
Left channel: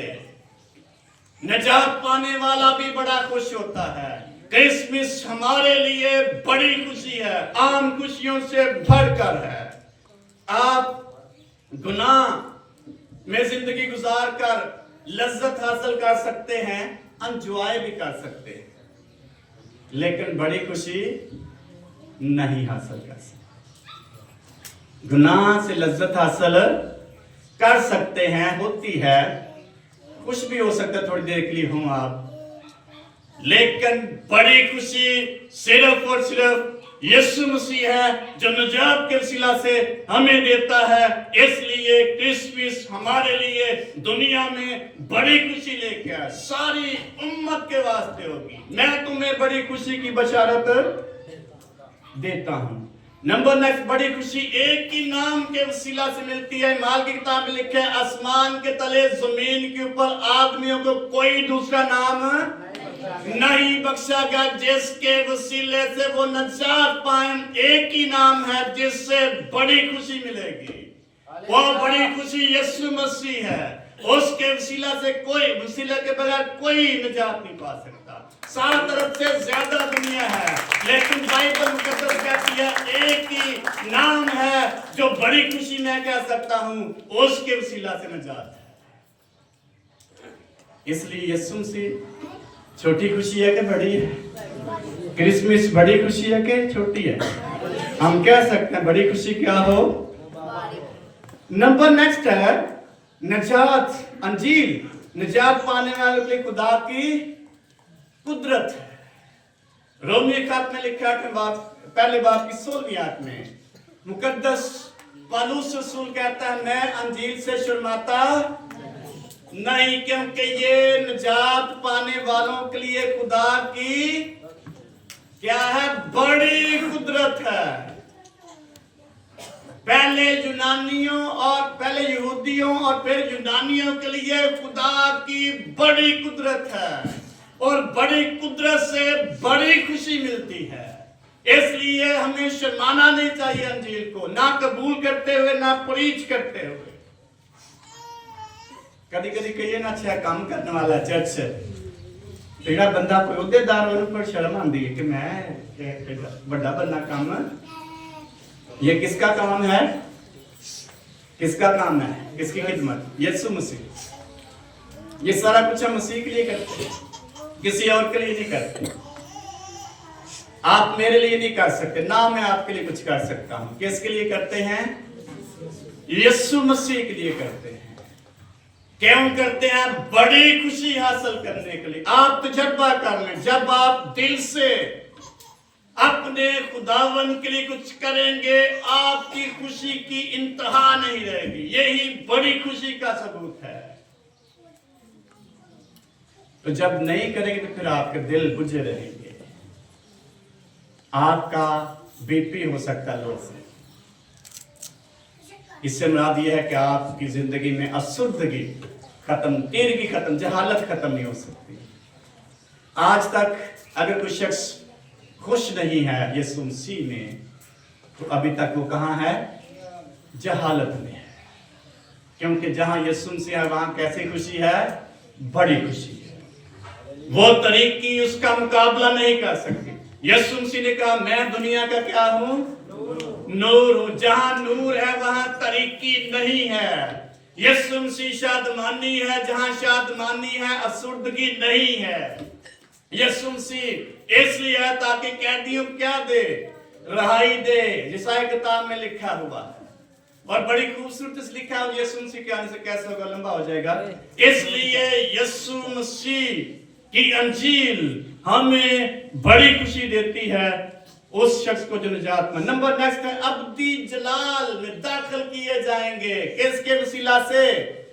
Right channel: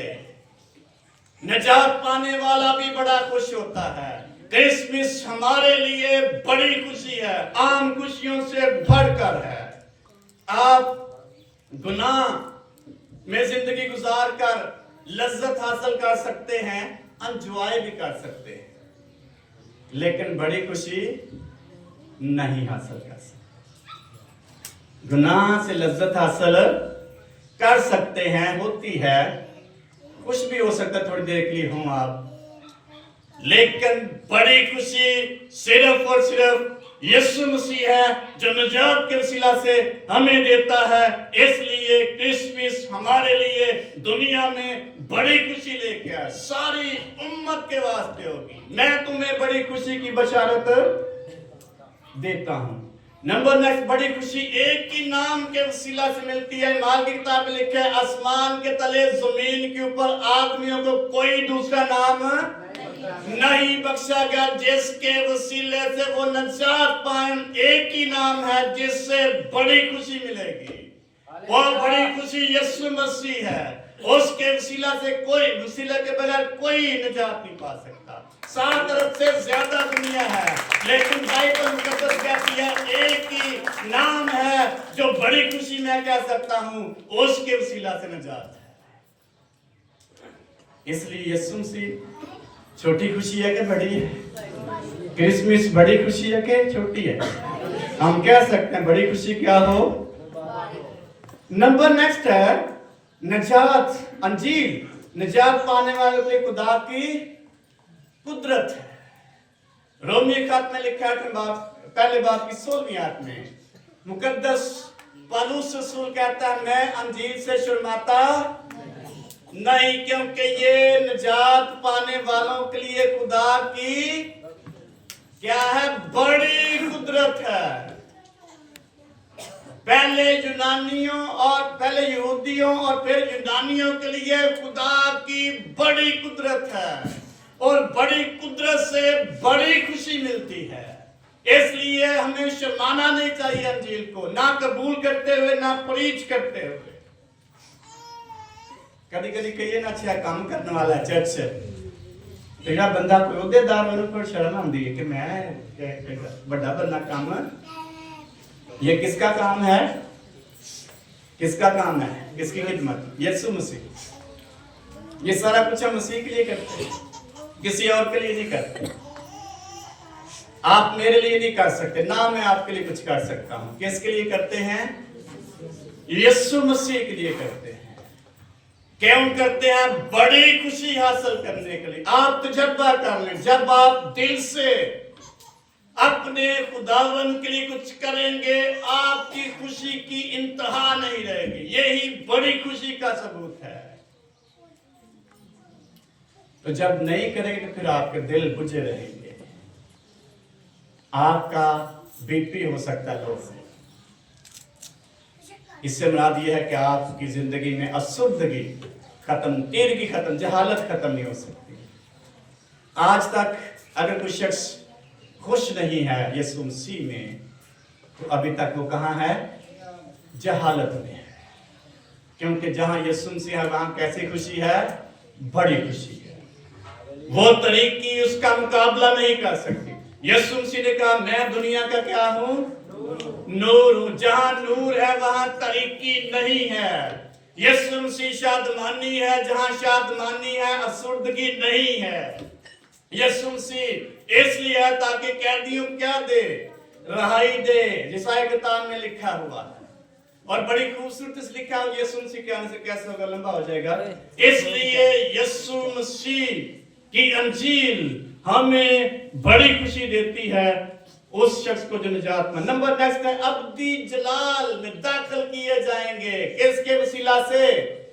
निजात पाने वाला भी बड़ा खुश होता है। क्रिसमस हमारे लिए बड़ी खुशी है, आम खुशियों से बढ़कर है। आप गुनाह में जिंदगी गुजार कर लज्जत हासिल कर सकते हैं, एंजॉय भी कर सकते हैं, लेकिन बड़ी खुशी नहीं हासिल कर सकते। गुनाह से लज्जत हासिल कर सकते हैं, होती है, कुछ भी हो सकता है, थोड़ी देर के लिए हो आप, लेकिन बड़ी खुशी सिर्फ और सिर्फ यीशु मसीह है जो निजात के वसीला से हमें देता है। इसलिए क्रिसमस हमारे लिए दुनिया में बड़ी खुशी लेके आया, सारी उम्मत के वास्ते होगी। मैं तुम्हें बड़ी खुशी की बशारत देता हूं। नंबर नेक्स्ट, बड़ी खुशी एक ही नाम के वसीला से मिलती है। माल की किताब में लिखा है, आसमान के तले जमीन के ऊपर आदमियों को कोई दूसरा नाम नहीं बख्शा गया जिसके वसीले से वो नजात पाए। एक ही नाम है जिससे बड़ी खुशी मिलेगी, वो बड़ी खुशी यीशु मसीह है। उसके वसीला से कोई, वसीले के बगैर कोई निजात नहीं पा सकता। 7 अरब से ज्यादा दुनिया है, लेकिन बाइबल मुकद्दस कहती है एक ही नाम है जो बड़ी खुशी मैं कह सकता हूं, उसके वसीला से निजात है। इसलिए यीशु मसीह छोटी खुशी है कि बड़ी है? क्रिसमस बड़ी खुशी है कि छोटी है? हम कह सकते हैं बड़ी खुशी क्या हो। नंबर नेक्स्ट है निजात, अंजील, निजात पाने वालों के लिए खुदा की कुदरत है। रोमी खत में लिखा है पहले बाब की 16वीं आयत में मुकद्दस पौलुस रसूल कहता है, मैं अंजील से शर्माता नहीं, क्योंकि ये निजात पाने वालों के लिए खुदा की क्या है, बड़ी कुदरत है। पहले यूनानियों और पहले यहूदियों और फिर यूनानियों के लिए खुदा की बड़ी कुदरत है, और बड़ी कुदरत से बड़ी खुशी मिलती है। इसलिए हमें शर्माना नहीं चाहिए अंजील को, ना कबूल करते हुए ना प्रीच करते हुए। कभी कभी कहिए ना, अच्छा काम करने वाला चर्च तेरा बंदा कोई उहदेदार और ऊपर शर्म आती है कि मैं बड़ा बनना काम, ये किसका काम है? किसका काम है? किसकी खिदमत? यीशु मसीह। ये सारा कुछ हम मसीह के लिए करते हैं, किसी और के लिए नहीं करते। आप मेरे लिए नहीं कर सकते, ना मैं आपके लिए कुछ कर सकता हूं। किसके लिए करते हैं? यीशु मसीह के लिए करते हैं। क्यों करते हैं? बड़ी खुशी हासिल करने के लिए। आप तजर्बा कर लें, जब आप दिल से अपने खुदावन के लिए कुछ करेंगे, आपकी खुशी की इंतहा नहीं रहेगी। यही बड़ी खुशी का सबूत है। तो जब नहीं करेंगे तो फिर आपके दिल बुझे रहेंगे, आपका बीपी हो सकता है लो से। इससे मुराद यह है कि आपकी जिंदगी में असुद्धगी खत्म, तेरगी खत्म, जहालत खत्म नहीं हो सकती। आज तक अगर कोई शख्स खुश नहीं है यीशु मसीह में, तो अभी तक वो कहां है? जहालत में है। क्योंकि जहां यीशु मसीह है वहां कैसी खुशी है? बड़ी खुशी है। वो तरीकी उसका मुकाबला नहीं कर सकती। यीशु मसीह ने कहा, मैं दुनिया का क्या हूं? नूर हूं। जहां नूर है वहां तरीकी नहीं है। यीशु मसीह शादमानी है, जहां शादमानी है असुर्दगी नहीं है। यीशु मसीह इसलिए है ताकि कैदियों को क्या दे? रहाई दे, जिसाई किताब में लिखा हुआ है। और बड़ी खूबसूरती से लिखा है। यीशु मसीह के आने से कैसे होगा? लंबा हो जाएगा। इसलिए यीशु मसीह की अंजील हमें बड़ी खुशी देती है उस शख्स को जो निजात में। नंबर नेक्स्ट है, अब्दी जलाल में दाखिल किए जाएंगे। किसके वसीला से?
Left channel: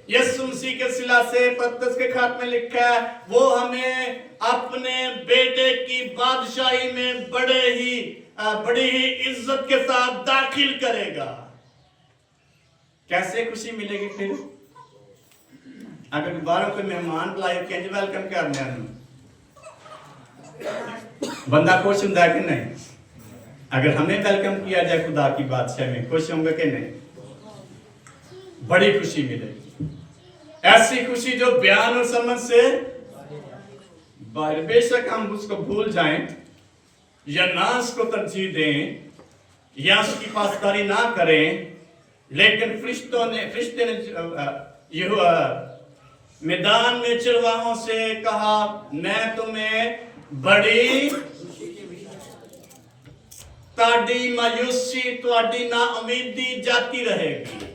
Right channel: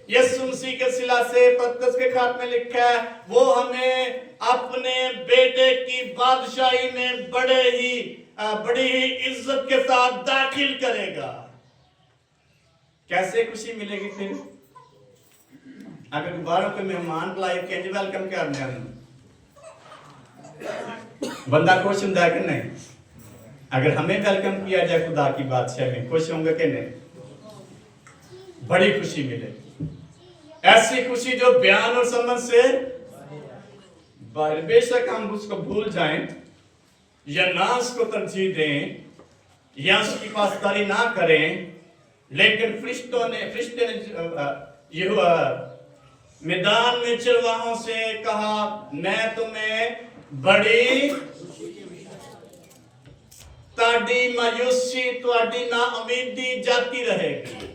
यीशु मसीह के वसीला से। पतरस के खात में लिखा है, वो हमें अपने बेटे की बादशाही में बड़ी ही इज्जत के साथ दाखिल करेगा। कैसे खुशी मिलेगी फिर? अगर दोबारा कोई मेहमान बुलाए, कैसे वेलकम करने आने, बंदा खुश होता है कि नहीं? अगर हमें वेलकम किया जाए खुदा की बादशाह में, खुश होंगे कि नहीं? बड़ी खुशी मिलेगी। ऐसी खुशी जो बयान और समझ से बाहर। बेशक हम उसको भूल जाएं या ना उसको तरजीह दें या उसकी पासदारी ना करें, लेकिन फरिश्ते ने मैदान में चरवाहों से कहा, मैं तुम्हें बड़ी ताड़ी मायूसी ताड़ी ना उम्मीदी जाती रहेगी।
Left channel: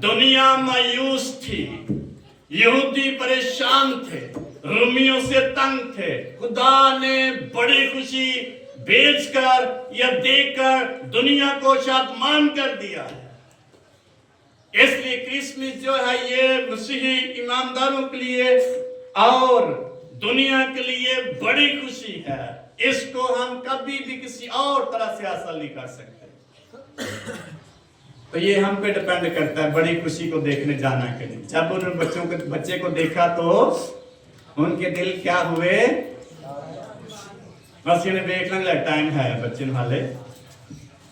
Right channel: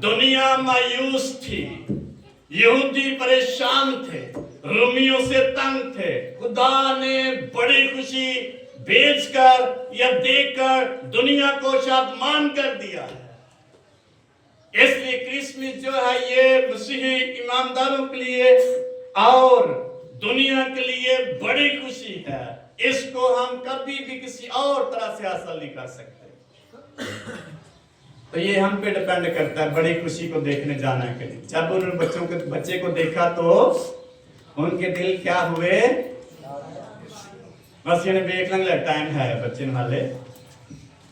दुनिया मायूस थी, यहूदी परेशान थे, रोमियों से तंग थे। खुदा ने बड़ी खुशी बेचकर या देकर दुनिया को शादमान कर दिया है। इसलिए क्रिसमस जो है ये मसीही ईमानदारों के लिए और दुनिया के लिए बड़ी खुशी है। इसको हम कभी भी किसी और तरह से हासिल नहीं कर सकते। तो ये हम पे डिपेंड करता है बड़ी खुशी को देखने जाना के लिए। जब उन बच्चे को देखा तो उनके दिल क्या हुए? बस ये वेख लेंगे, टाइम है बच्चे वाले,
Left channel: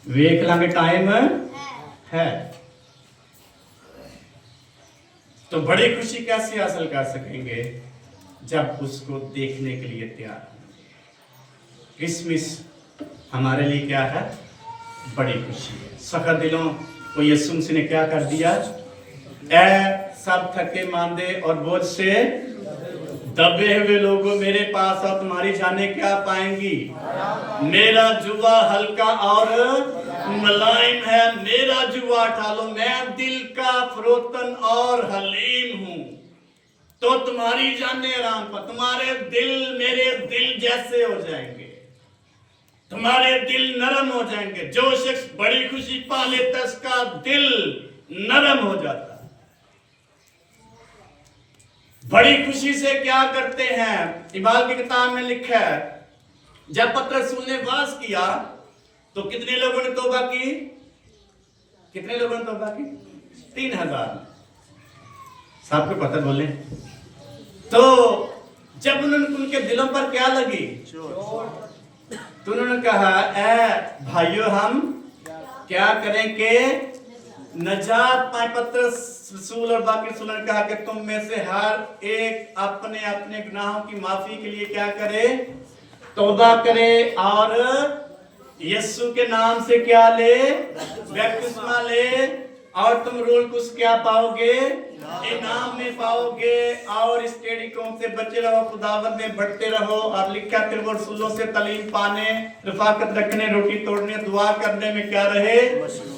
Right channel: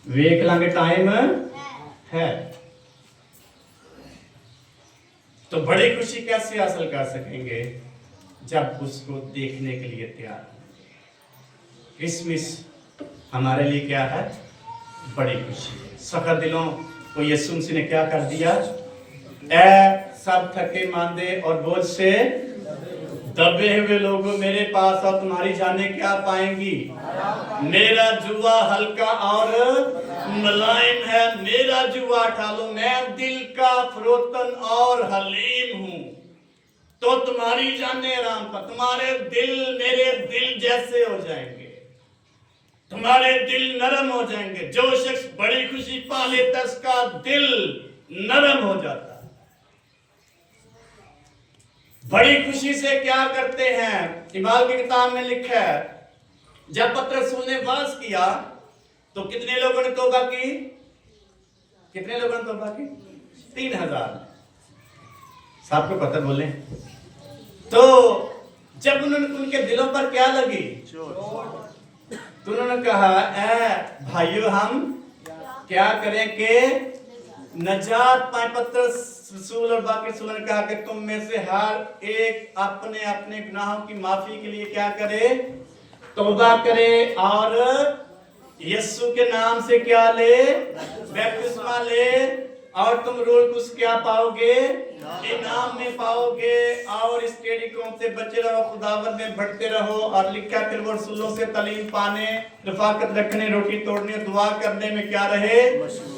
वेख लेंगे टाइम है। तो बड़ी खुशी कैसे हासिल कर सकेंगे? जब उसको देखने के लिए तैयार। क्रिसमस हमारे लिए क्या है? बड़ी खुशी है। सखा दिलों को यीशु मसीह ने क्या कर दिया? ऐ सब थके मांदे और बोझ से दबे हुए लोगों मेरे पास और तुम्हारी जाने क्या पाएंगी। मेरा जुआ हल्का और मुलायम है, मेरा जुआ उठा लो, मैं दिल का फरोतन और हलीम हूं, तो तुम्हारी जाने आराम पर। तुम्हारे दिल मेरे दिल जैसे हो जाएंगे, तुम्हारे दिल नरम हो जाएंगे। जो शख्स बड़ी खुशी पा लेता है उसका दिल नरम हो जाता है। बड़ी खुशी से क्या करते हैं? इबाल की किताब में लिखा है, जब पतरस ने वास किया तो कितने लोगों ने तौबा की? कितने लोगों ने तौबा की? 3000। सबको पता बोले। तो जब उनके दिलों पर क्या लगी? तो उन्होंने कहा, ऐ भाइयों हम क्या करें कि नजात पाए। पतरस रसूल और बाकी रसूल ने कहा कि तुम में से हर एक अपने अपने गुनाहों की माफी के लिए क्या करे? तौबा करे और यीशु के नाम से क्या ले? बपतिस्मा ले, और तुम रोल कुछ क्या पाओगे? इनाम में पाओगे। और इस टेढ़ी कौम से बचे रहो, खुदावंद में बढ़ते रहो। और लिखा फिर वो रसूलों से तालीम पाने, रफाकत रखने, रोटी तोड़ने, दुआ करने में क्या रहे?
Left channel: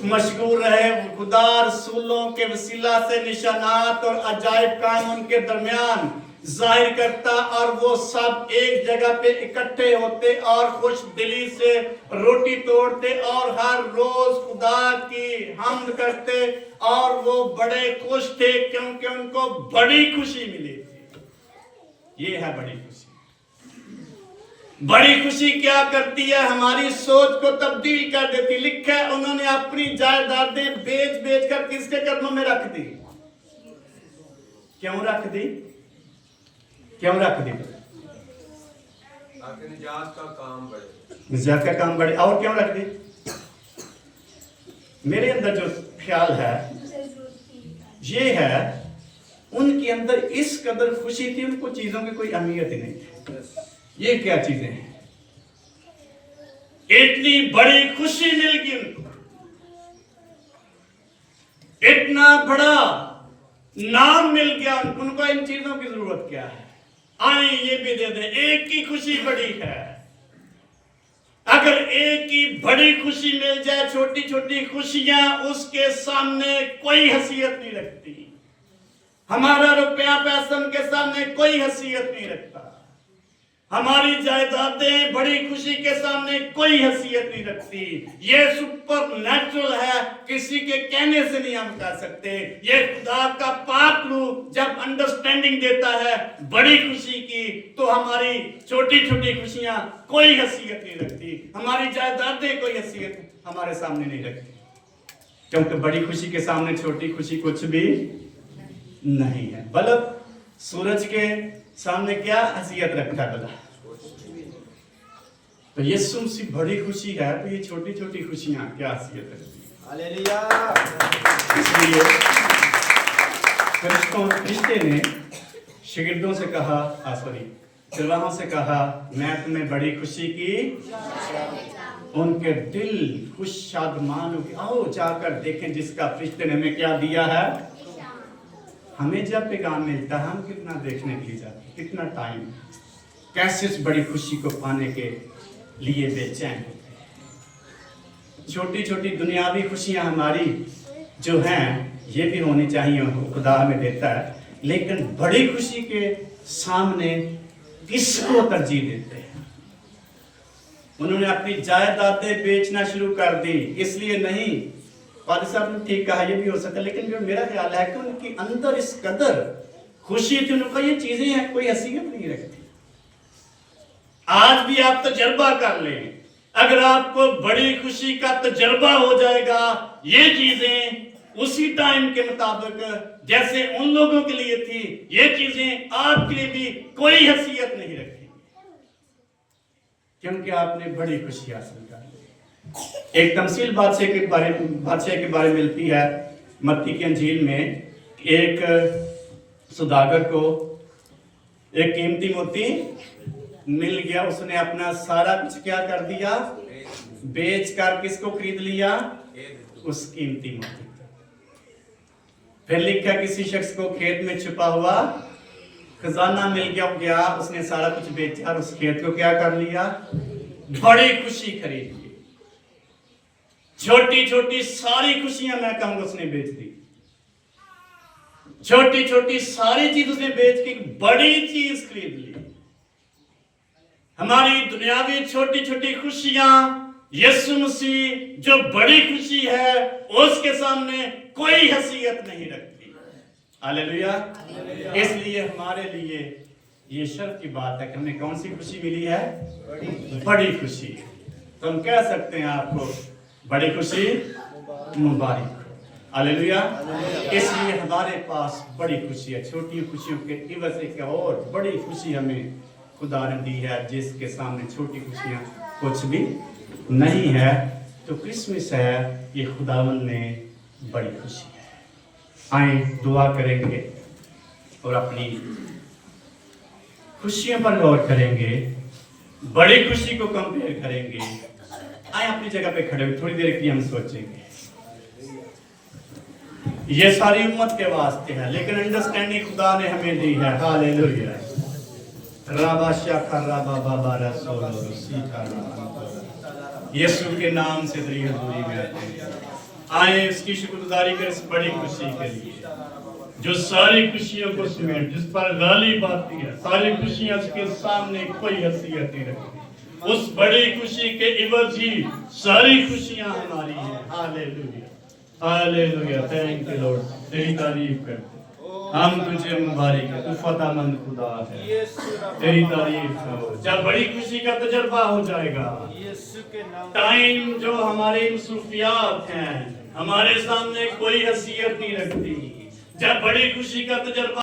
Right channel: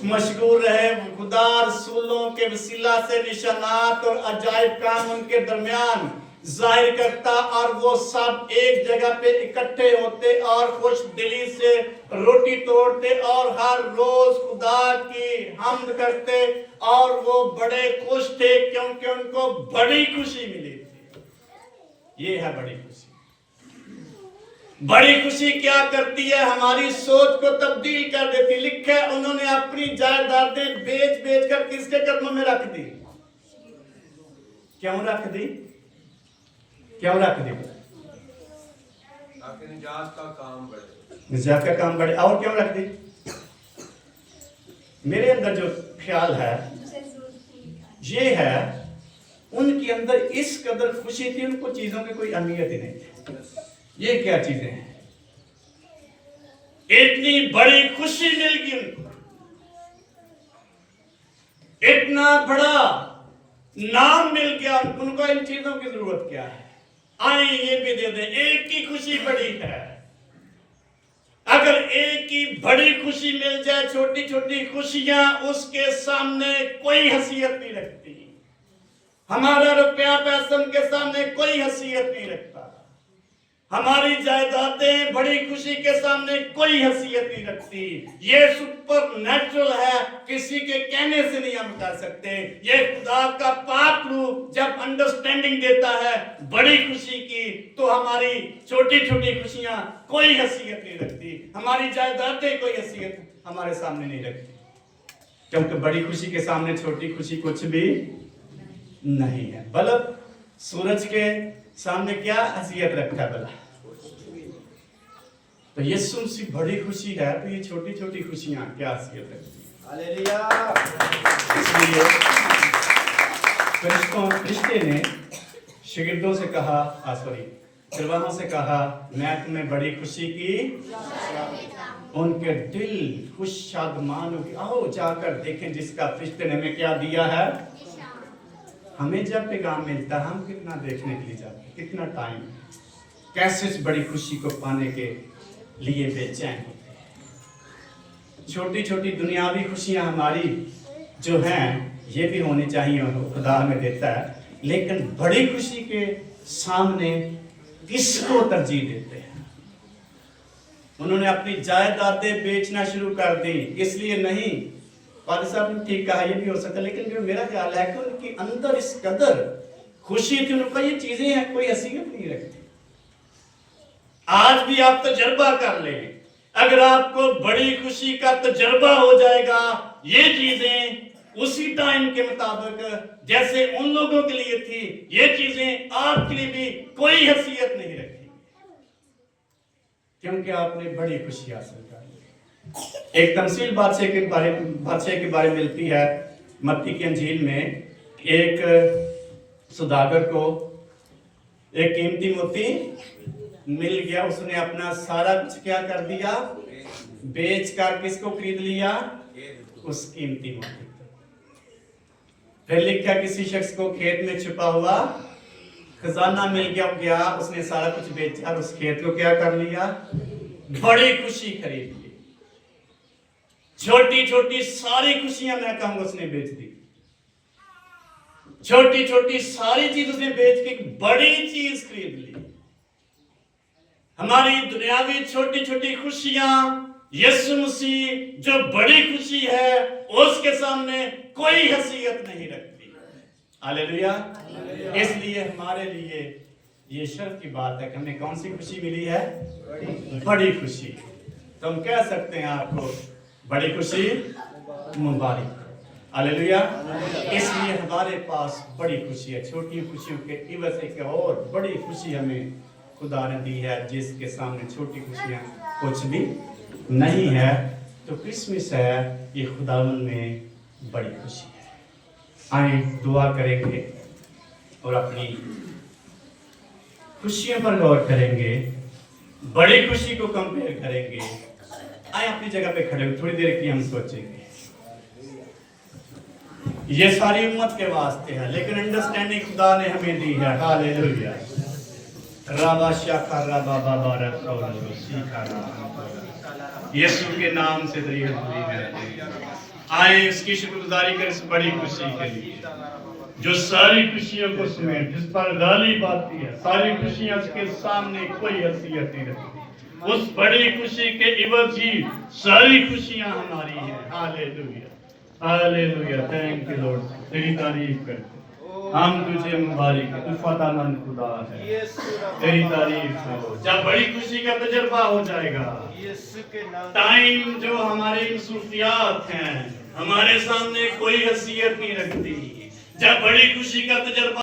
मशगूल रहे। खुदा रसूलों के वसीला से निशानात और अजायब काम उनके दरमियान जाहिर करता, और वो सब एक जगह पे इकट्ठे होते और खुश दिली से रोटी तोड़ते और हर रोज खुदा की हम्द करते, और वो बड़े खुश थे क्योंकि उनको बड़ी खुशी मिली थी। ये है बड़ी खुशी। बड़ी खुशी क्या करती है? हमारी सोच को तब्दील कर देती। लिखा है उन्होंने अपनी जायदादें बेच बेच कर किसके कदमों में रख दी? क्यों रख दी? क्यों रख दी? ताकि निजात का काम बढ़े। निजात का काम बढ़े। और क्यों रख दी? मेरे अंदर जो ख्याल है ये है, उनके अंदर इस कदर खुशी थी, उनको चीजों की कोई अहमियत ही नहीं थी। ये क्या चीजें हैं? इतनी बड़ी खुशी मिल गई उनको, इतना बड़ा नाम मिल गया उनको। इन चीजों की जरूरत क्या है? आए ये भी दे दे। एक की खुशी बड़ी है। अगर एक की बड़ी खुशी मिल जाए, छोटी छोटी खुशियां उसके सामने कोई हैसियत नहीं रखती। हमारा रुपया पैसा उनके सामने कोई हैसियत नहीं रखता। हमारी जायदादें बड़ी खुशी के सामने कोई हैसियत नहीं रखती। ये सुपर नेचुरल है, किसी के कहने से नहीं हम कर सकते। ये खुदा का पाक रूह जब अंडरस्टैंडिंग देता है बड़ी खुशी की, तो हमारी छोटी छोटी खुशियां कोई हैसियत नहीं रखती। हमारी जायदादें कोई हैसियत हमारे सामने नहीं रखती, क्योंकि बड़ी खुशी के सामने छोटी खुशी कुछ भी नहीं है। बल्ब सूरज के सामने क्या हैसियत रखता है भला? तो यीशु मसीह बड़ी खुशी है, तो ये छोटी छोटी खुशियां क्या हैसियत रखती है? हालेलुया। इसलिए फरिश्ते ने शागिर्दों से कहा, चरवाहों से कहा, मैं तुम्हें बड़ी खुशी की। उनके दिल खुश शादमान हो गए। आओ जाकर देखें जिसका फरिश्ते ने हमें क्या दिया है। हमें जब पैगाम मिलता है हम कितना देखने के लिए जाते हैं, कितना टाइम, कैसे इस बड़ी खुशी को पाने के लिए बेचैन होते हैं। छोटी छोटी दुनियावी खुशियां हमारी जो हैं ये भी होनी चाहिए, खुदा हमें देता है, लेकिन बड़ी खुशी के सामने किसको तरजीह देते हैं? उन्होंने अपनी जायदादें बेचना शुरू कर दी, इसलिए नहीं, फादर साहब ने ठीक कहा, ये भी हो सकता है, लेकिन जो मेरा ख्याल है कि उनके अंदर इस कदर खुशी थी, उनका ये चीजें हैं कोई हैसियत नहीं रखती। आज भी आप तजर्बा कर लें, अगर आपको बड़ी खुशी का तजर्बा हो जाएगा, ये चीजें उसी टाइम के मुताबिक जैसे उन लोगों के लिए थी, ये चीजें आपके लिए भी कोई हैसियत नहीं रखती, क्योंकि आपने बड़ी खुशी हासिल कर ली। एक तमसील बादशाह के बारे में मिलती है मत्ती की अंजील में। एक सुदागर को एक कीमती मोती मिल गया, उसने अपना सारा कुछ क्या कर दिया, बेच कर किसको खरीद लिया, उस कीमती मोती। फिर लिखा किसी शख्स को खेत में छुपा हुआ खजाना मिल गया, उसने सारा कुछ बेचा और उस खेत को क्या कर लिया, बड़ी खुशी खरीद ली। छोटी छोटी सारी खुशियां मैं कहूंगा उसने बेच दी, छोटी छोटी सारी चीज उसने बेच के बड़ी चीज खरीद ली। हमारी दुनियावी छोटी छोटी खुशियां यीशु मसीह जो बड़ी खुशी है उसके सामने कोई हैसियत नहीं रखती। हालेलुया। इसलिए हमारे लिए ये शर्त की बात है कि हमें कौन सी खुशी मिली है, बड़ी खुशी। तो हम कह सकते हैं आपको बड़ी खुशी मुबारक। हालेलुया। इसलिए हमारे पास बड़ी खुशी है, छोटी खुशियों के इवज़ एक और बड़ी खुशी हमें खुदा ने दी है, जिसके सामने छोटी खुशियां कुछ भी नहीं है। तो क्रिसमस है, ये खुदावंद में बड़ी खुशी है। आए दुआ करेंगे और अपनी खुशियों पर गौर करेंगे, बड़ी खुशी को कंपेयर करेंगे। आए अपनी जगह पे खड़े हो, थोड़ी देर की हम सोचेंगे। ये सारी उम्मत के वास्ते है, लेकिन अंडरस्टैंडिंग खुदा ने हमें दी है। हालेलुया। यीशु के नाम से तेरी हजूरी में रहते हैं। आए इसकी शुक्रगुजारी करें इस बड़ी खुशी के लिए जो सारी खुशियों को समेट, जिस पर गालिब आती है, सारी खुशियां उसके सामने कोई हैसियत नहीं रखती। उस बड़ी खुशी के इवज़ ही सारी खुशियां हमारी हैं। Hallelujah, hallelujah. Thank you Lord, तेरी तारीफ करते हम, तुझे मुबारक है, तू फतामंद खुदा है, तेरी तारीफ हो। जब बड़ी खुशी का तजर्बा हो जाएगा, टाइम जो हमारी मसरूफियात हैं हमारे सामने कोई हैसियत नहीं रखती, जब बड़ी खुशी का तजर्बा